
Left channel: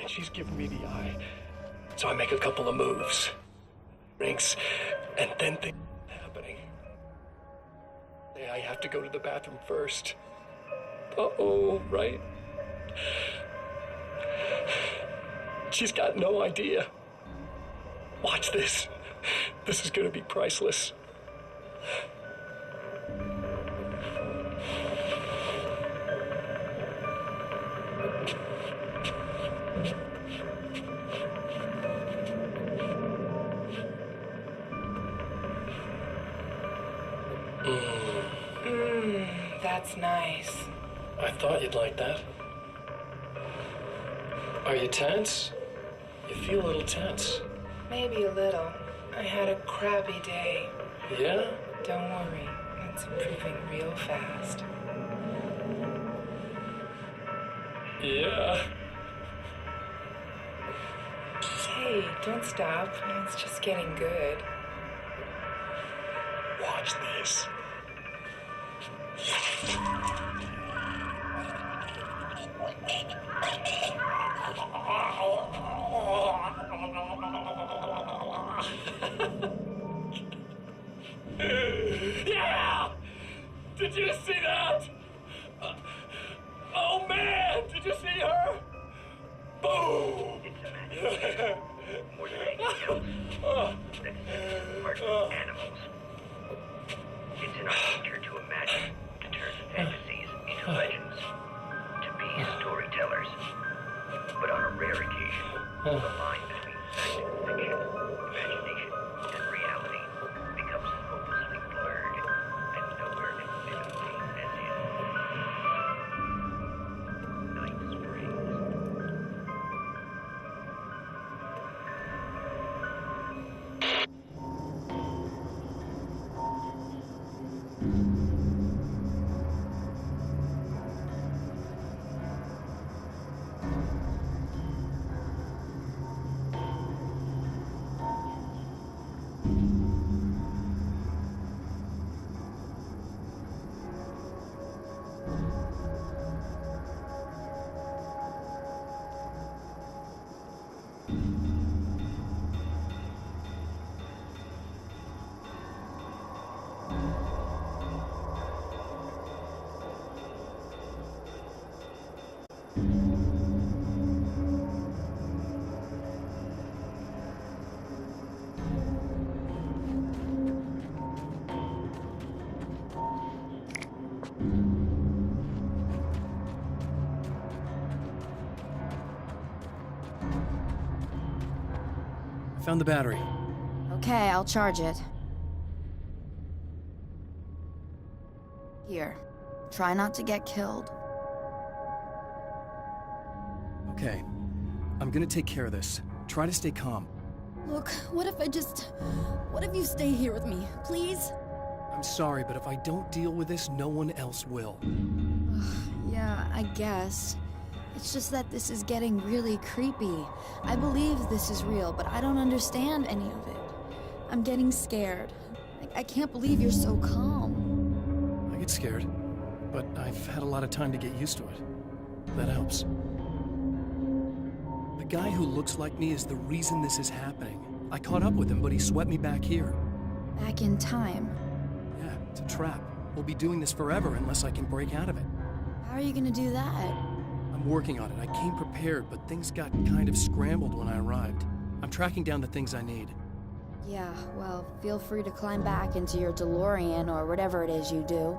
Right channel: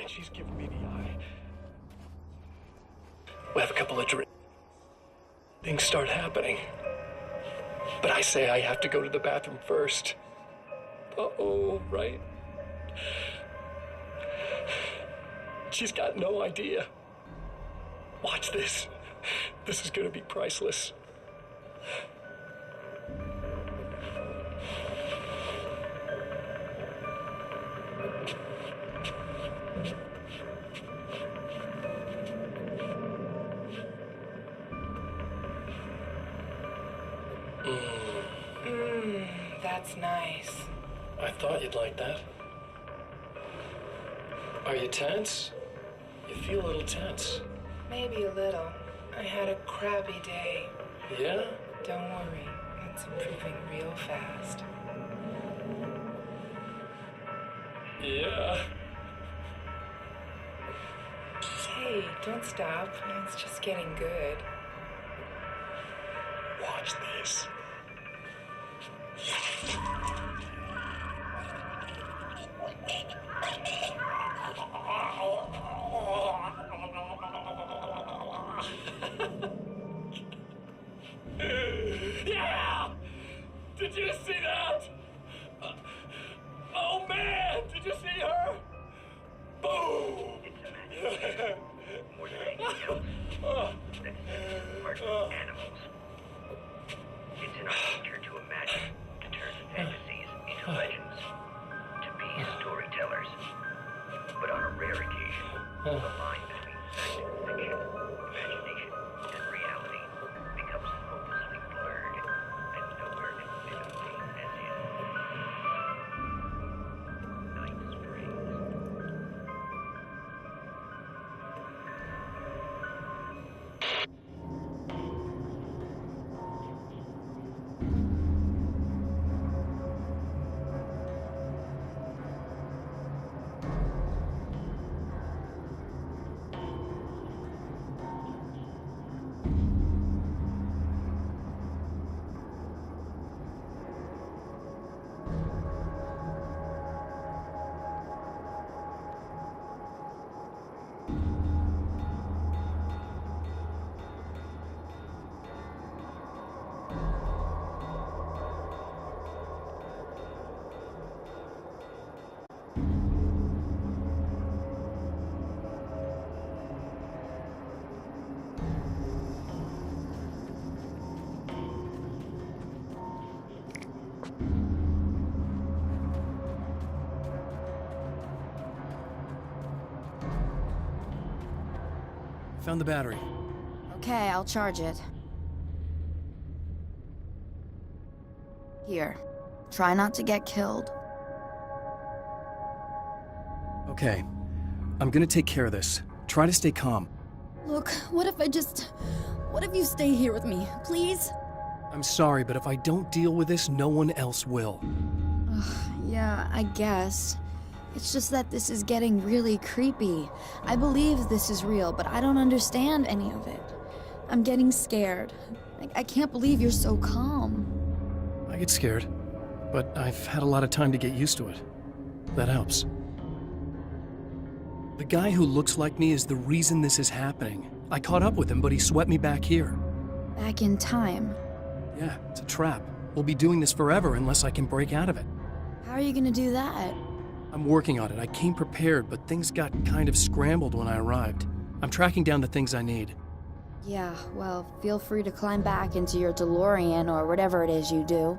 And she's giving me the eye. So I make a couple of moves, we have a couple of drinks, and then things start happening. But I say I have to go to the bathroom first. Uh-oh, right? She's got no idea. Watch this. This is gonna be priceless. That's nice. I thought you'd like that. Are you tense? You feel a little tense. Maybe a little. I had a crappy day. Yeah? Don't worry. It's improving real fast. Yeah. Hey, don't stop. It's just getting good. Watch this. Yeah! Did you see that? Oh man, did you see her? Boom! More than anything else, that is part of animals. It's in our nature to imagine, to turn fantasies into legends, to be storytellers. But on a rare occasion, the line between fact and fiction, imagination and reality becomes hopelessly blurred, and nowhere can fit a thing as in Night Springs. Found the battery. Okay, I'll charge it. Here. Try not to get killed. Okay. I'm gonna take care of this. Try to stay calm. Look, what if you stay here with me, please? I'm sorry, but if I don't deal with this, no one else will. Yeah, I guess. It's just that this is getting really creepy. I believe this is real, but I don't understand any of it. I'm getting scared. I can't believe you're so calm. I get scared, but I've had a lot of time to get used to it. That helps. The guy who looks like me is the reason this is happening. I caught up with him, but he swept me back here. Back in time. Yeah, it's a trap. We'll be doing this forever unless I can break out of it. How are you gonna do that? I'm working on it. I came prepared, but things got kind of scrambled when I arrived. I'm tracking down the things I need. Yeah, well, feel free to climb back into your DeLorean or whatever it is you do.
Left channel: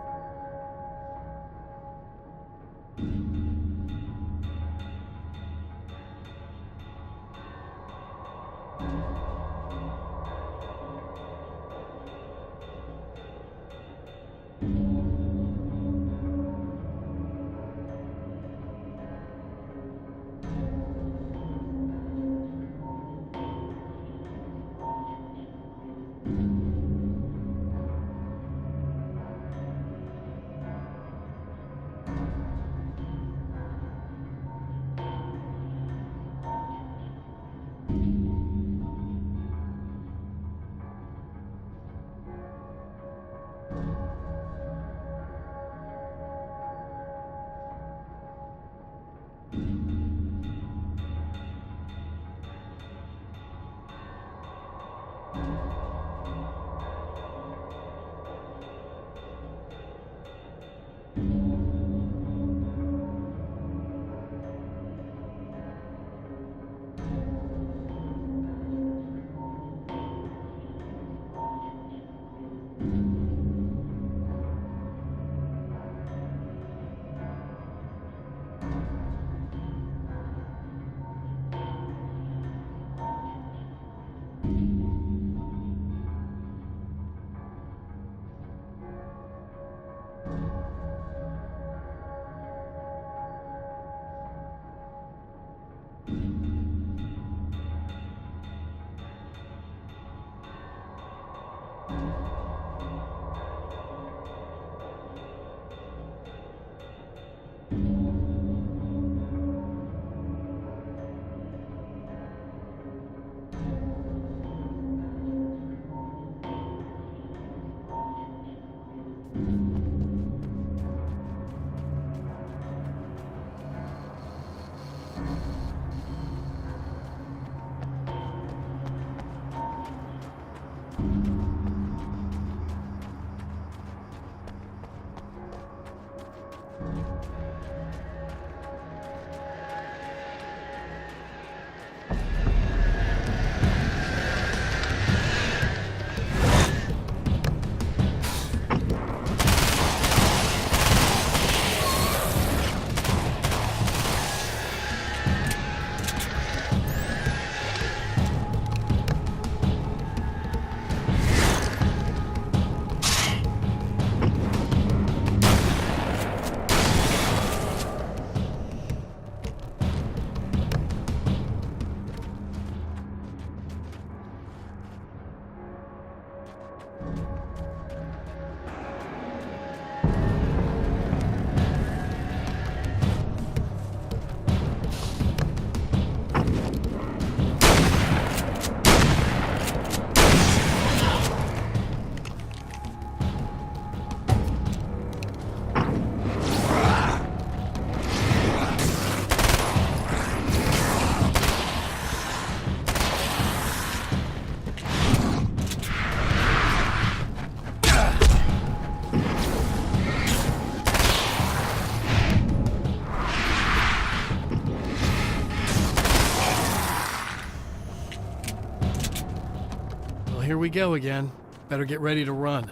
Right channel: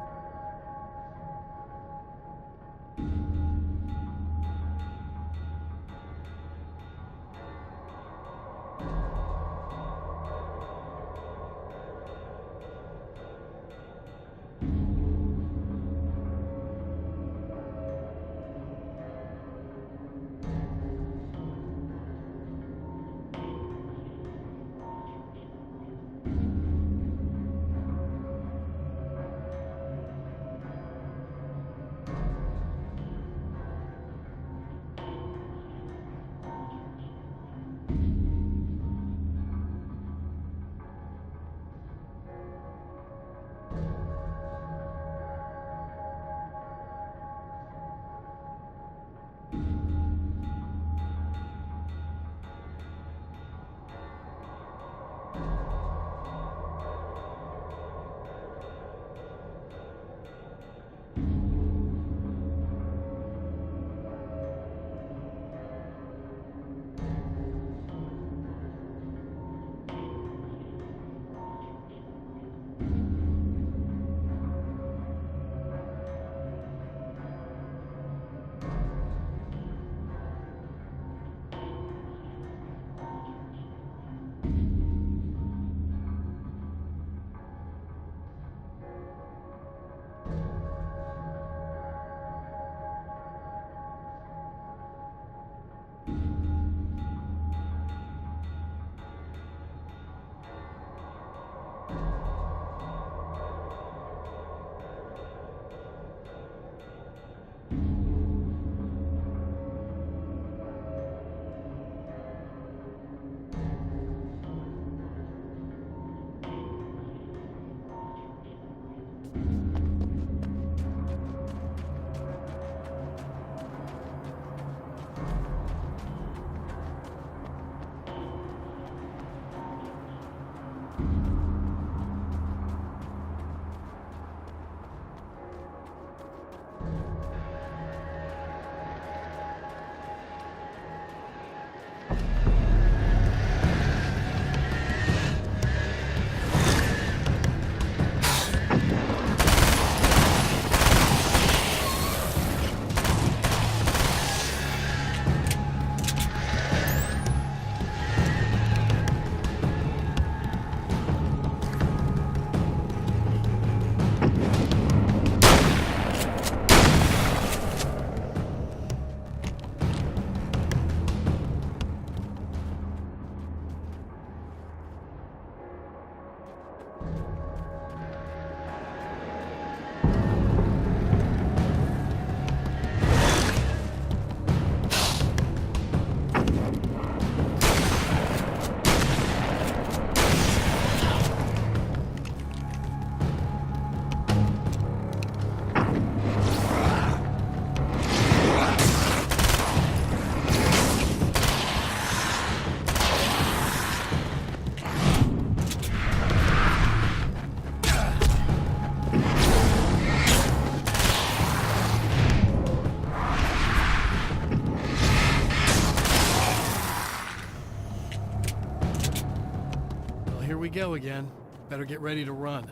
Here we go again. Better get ready to run.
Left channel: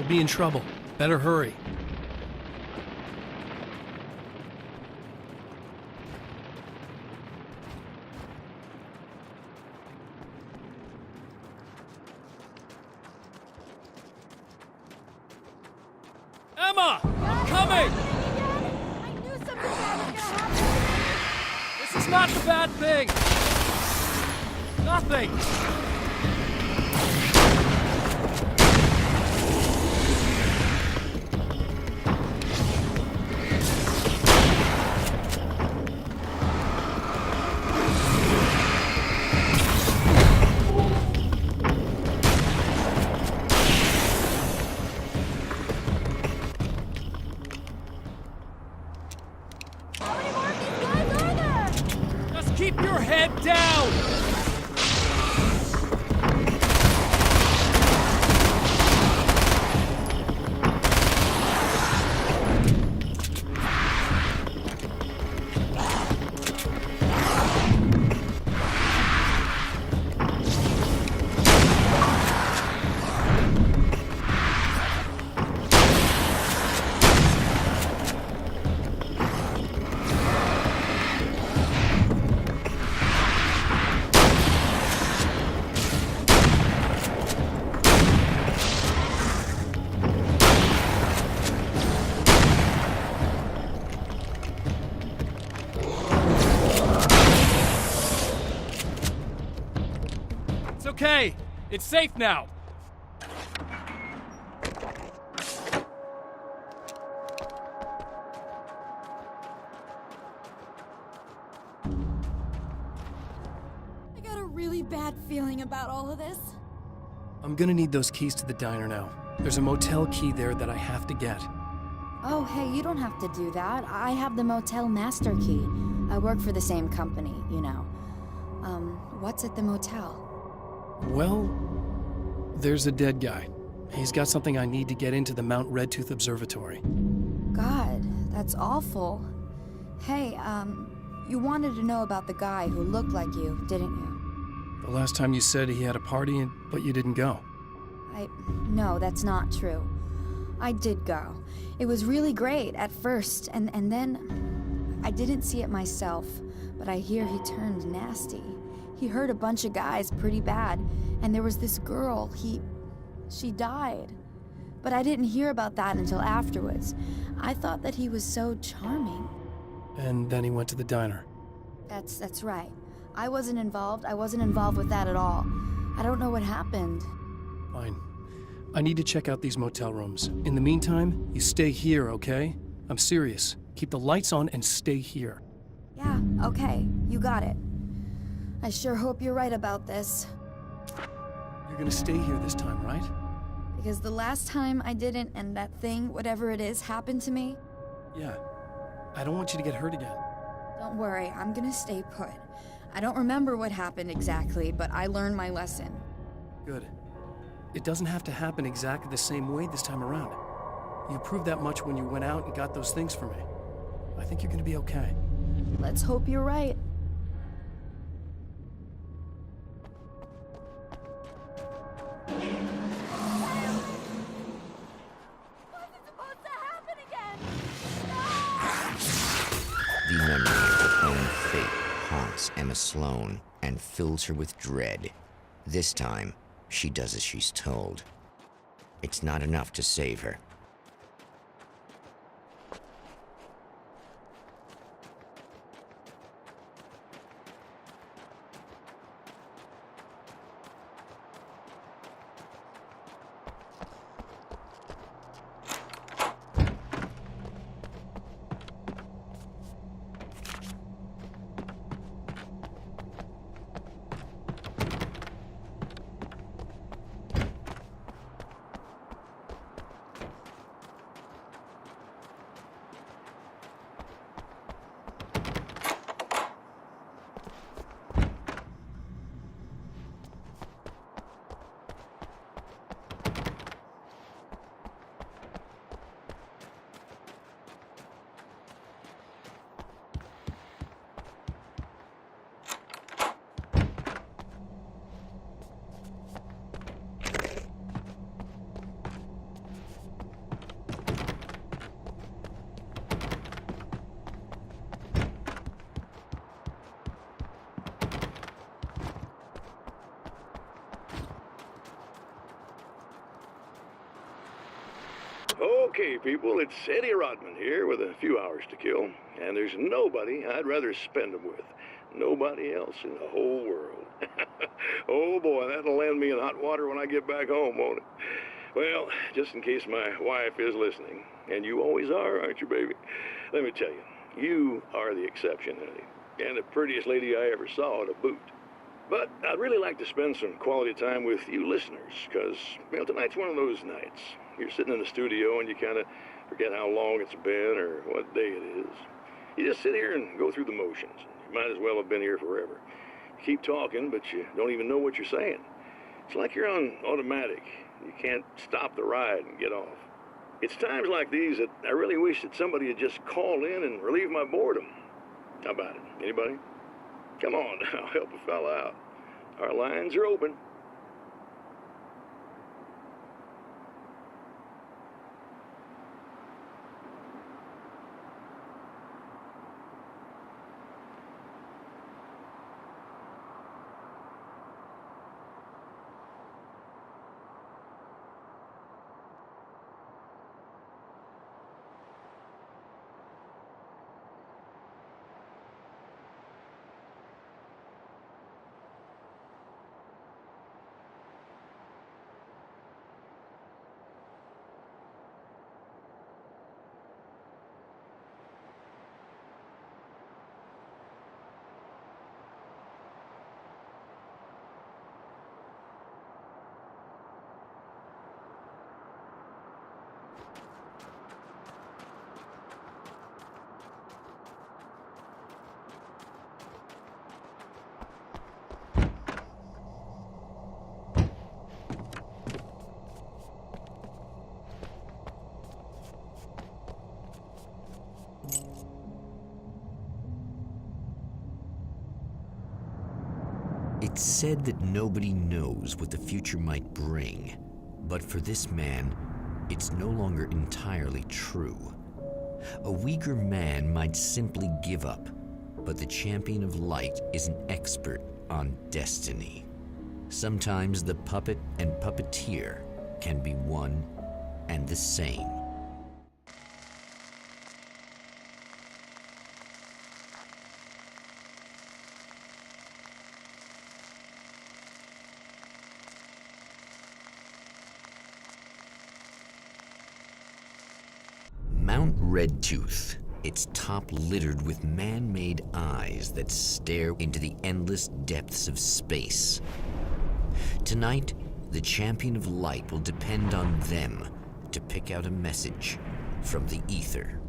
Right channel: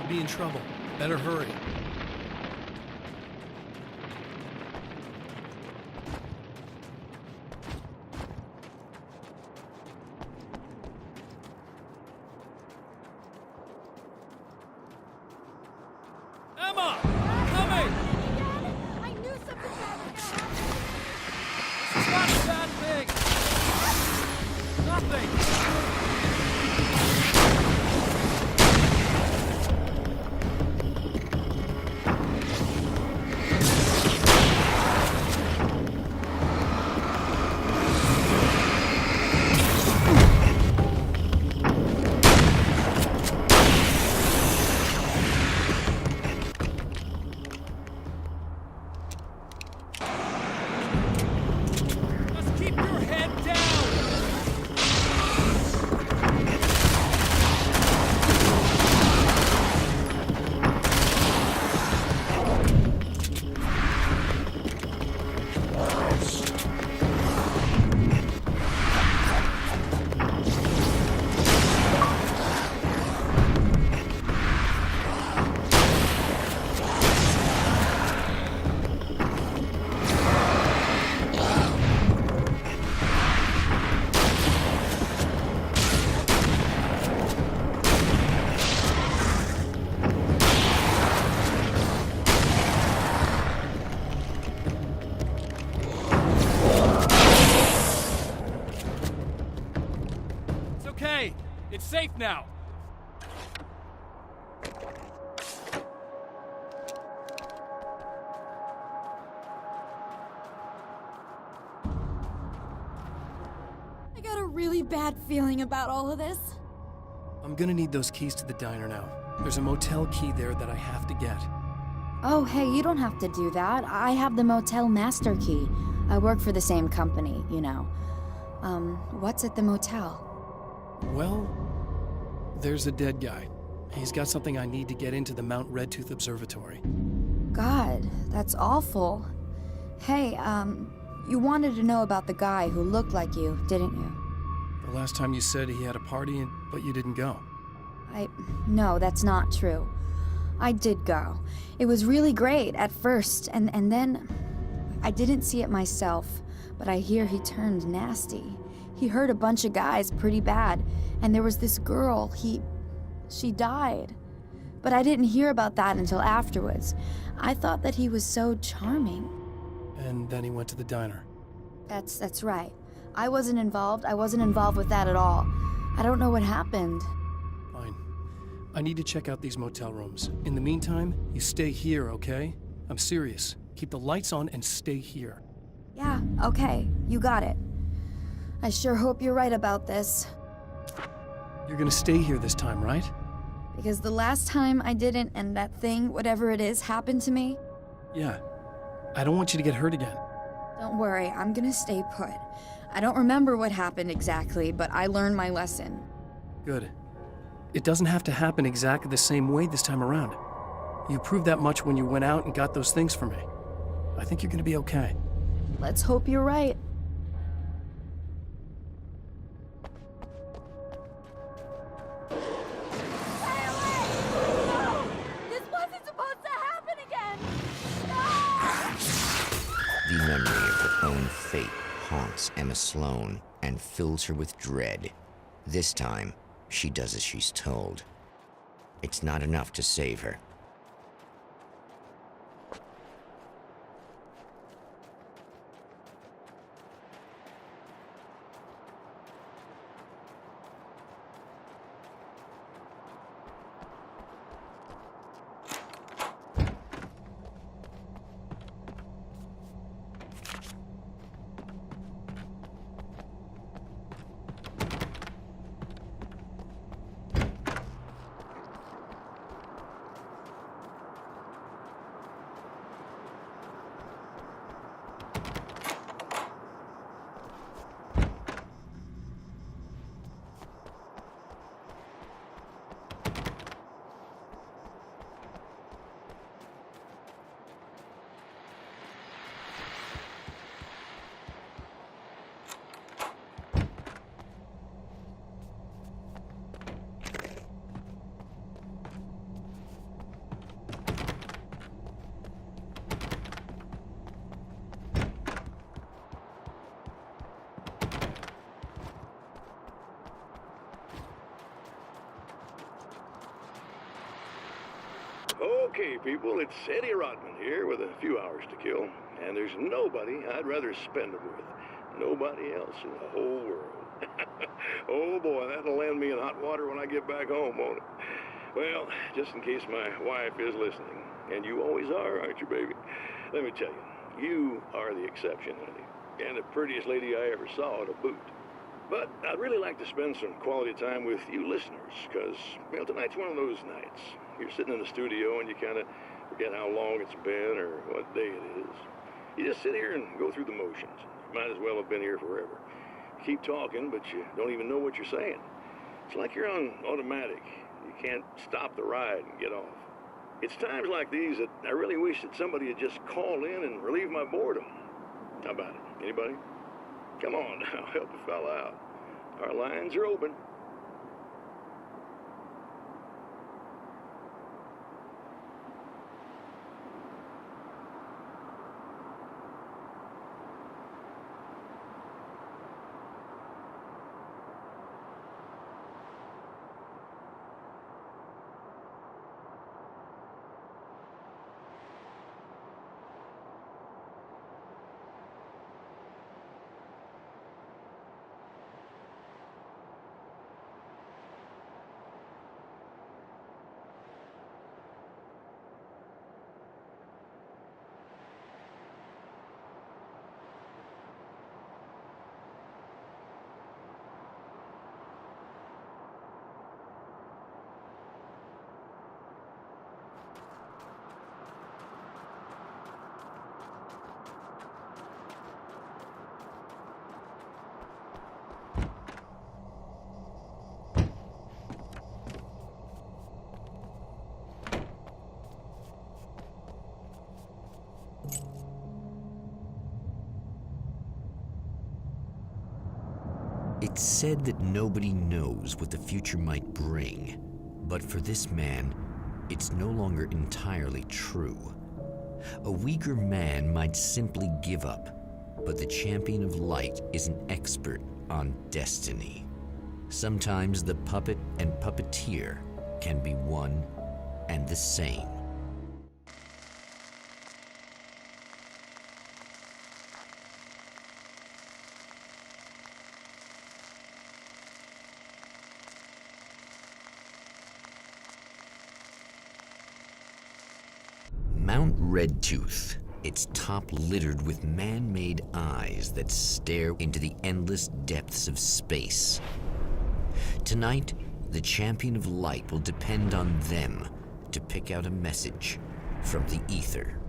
She'll be in trouble. Better hurry. Emma! I'm coming! I knew something bad was gonna happen! This is not a bad thing! Nothing! Keep your head down! Okay, it's safe now. I got a really bad feeling about all of this. I'm gonna need those keys to the diner now. There's a motel key there that I have to get. Oh, hey, you don't have to do that. I have the motel master key. I work for the same company, you know. What's at the motel? Well, there's a dead guy. He's got something I need to get into the Mount Redtooth Observatory. God, that's awful. Hey, you wanted to know about the guy who looked like you, didn't you? The last time you said he had a party, but you didn't go. No, that's not true. I did go. It was really great at first, and then I didn't see it myself, but I hear he turned nasty. He hurt a bunch of guys pretty bad, and there was this girl, she died. But I didn't hear about that until afterwards. I thought that he was so charming. And then he went to the diner. That's right. I wasn't involved with that at all. I don't know what happened. Fine. I need to check out these motel rooms. In the meantime, you stay here, okay? I'm serious. Keep the lights on and stay here. Yeah, okay. You got it. I sure hope you're right about this. You're gonna stay here this time, right? Because the last time I didn't, and that thing, whatever it is, happened to me. Yeah. I don't want you to get hurt again. Don't worry, I'm gonna stay put. I don't remember what happened exactly, but I learned my lesson. Good. It doesn't have to happen exactly the same way this time around. You proved that much when you went out and got those things for me. I think you're gonna be okay. Let's hope you're right. The memory of her own fate haunts Emma Sloan and fills her with dread. This time, she does as she's told. It's not enough to save her. Okay, people, it's Eddie Rodman here with a few hours to kill, and there's nobody I'd rather spend them with. Nobody else in the whole world. Oh boy, that'll land me in hot water when I get back home, won't it? Well, just in case my wife is listening, and you always are, aren't you, baby? Let me tell you, you are the exception, honey, and the prettiest lady I ever saw to boot. But I'd really like to spend some quality time with you listeners, because, well, tonight's one of those nights. You're sitting in the studio and you kind of forget how long it's been or what day it is. You just sit here and go through the motions. You might as well have been here forever. You keep talking, but you don't even know what you're saying. It's like you're on automatic. You can't stop the ride and get off. It's times like these that I really wish that somebody would just call in and relieve my boredom. How about it? Anybody? Come on now, help a fella out. Our lines are open. It's said that nobody knows what the future might bring, but for this man, it's no longer entirely true. A weaker man might simply give up, but the champion of light is an expert on destiny. Sometimes the puppet and puppeteer can be one and the same. Mount Redtooth, its top littered with man-made eyes that stare into the endless depths of space. Tonight, the champion of light will depend on them to pick out a message from the ether.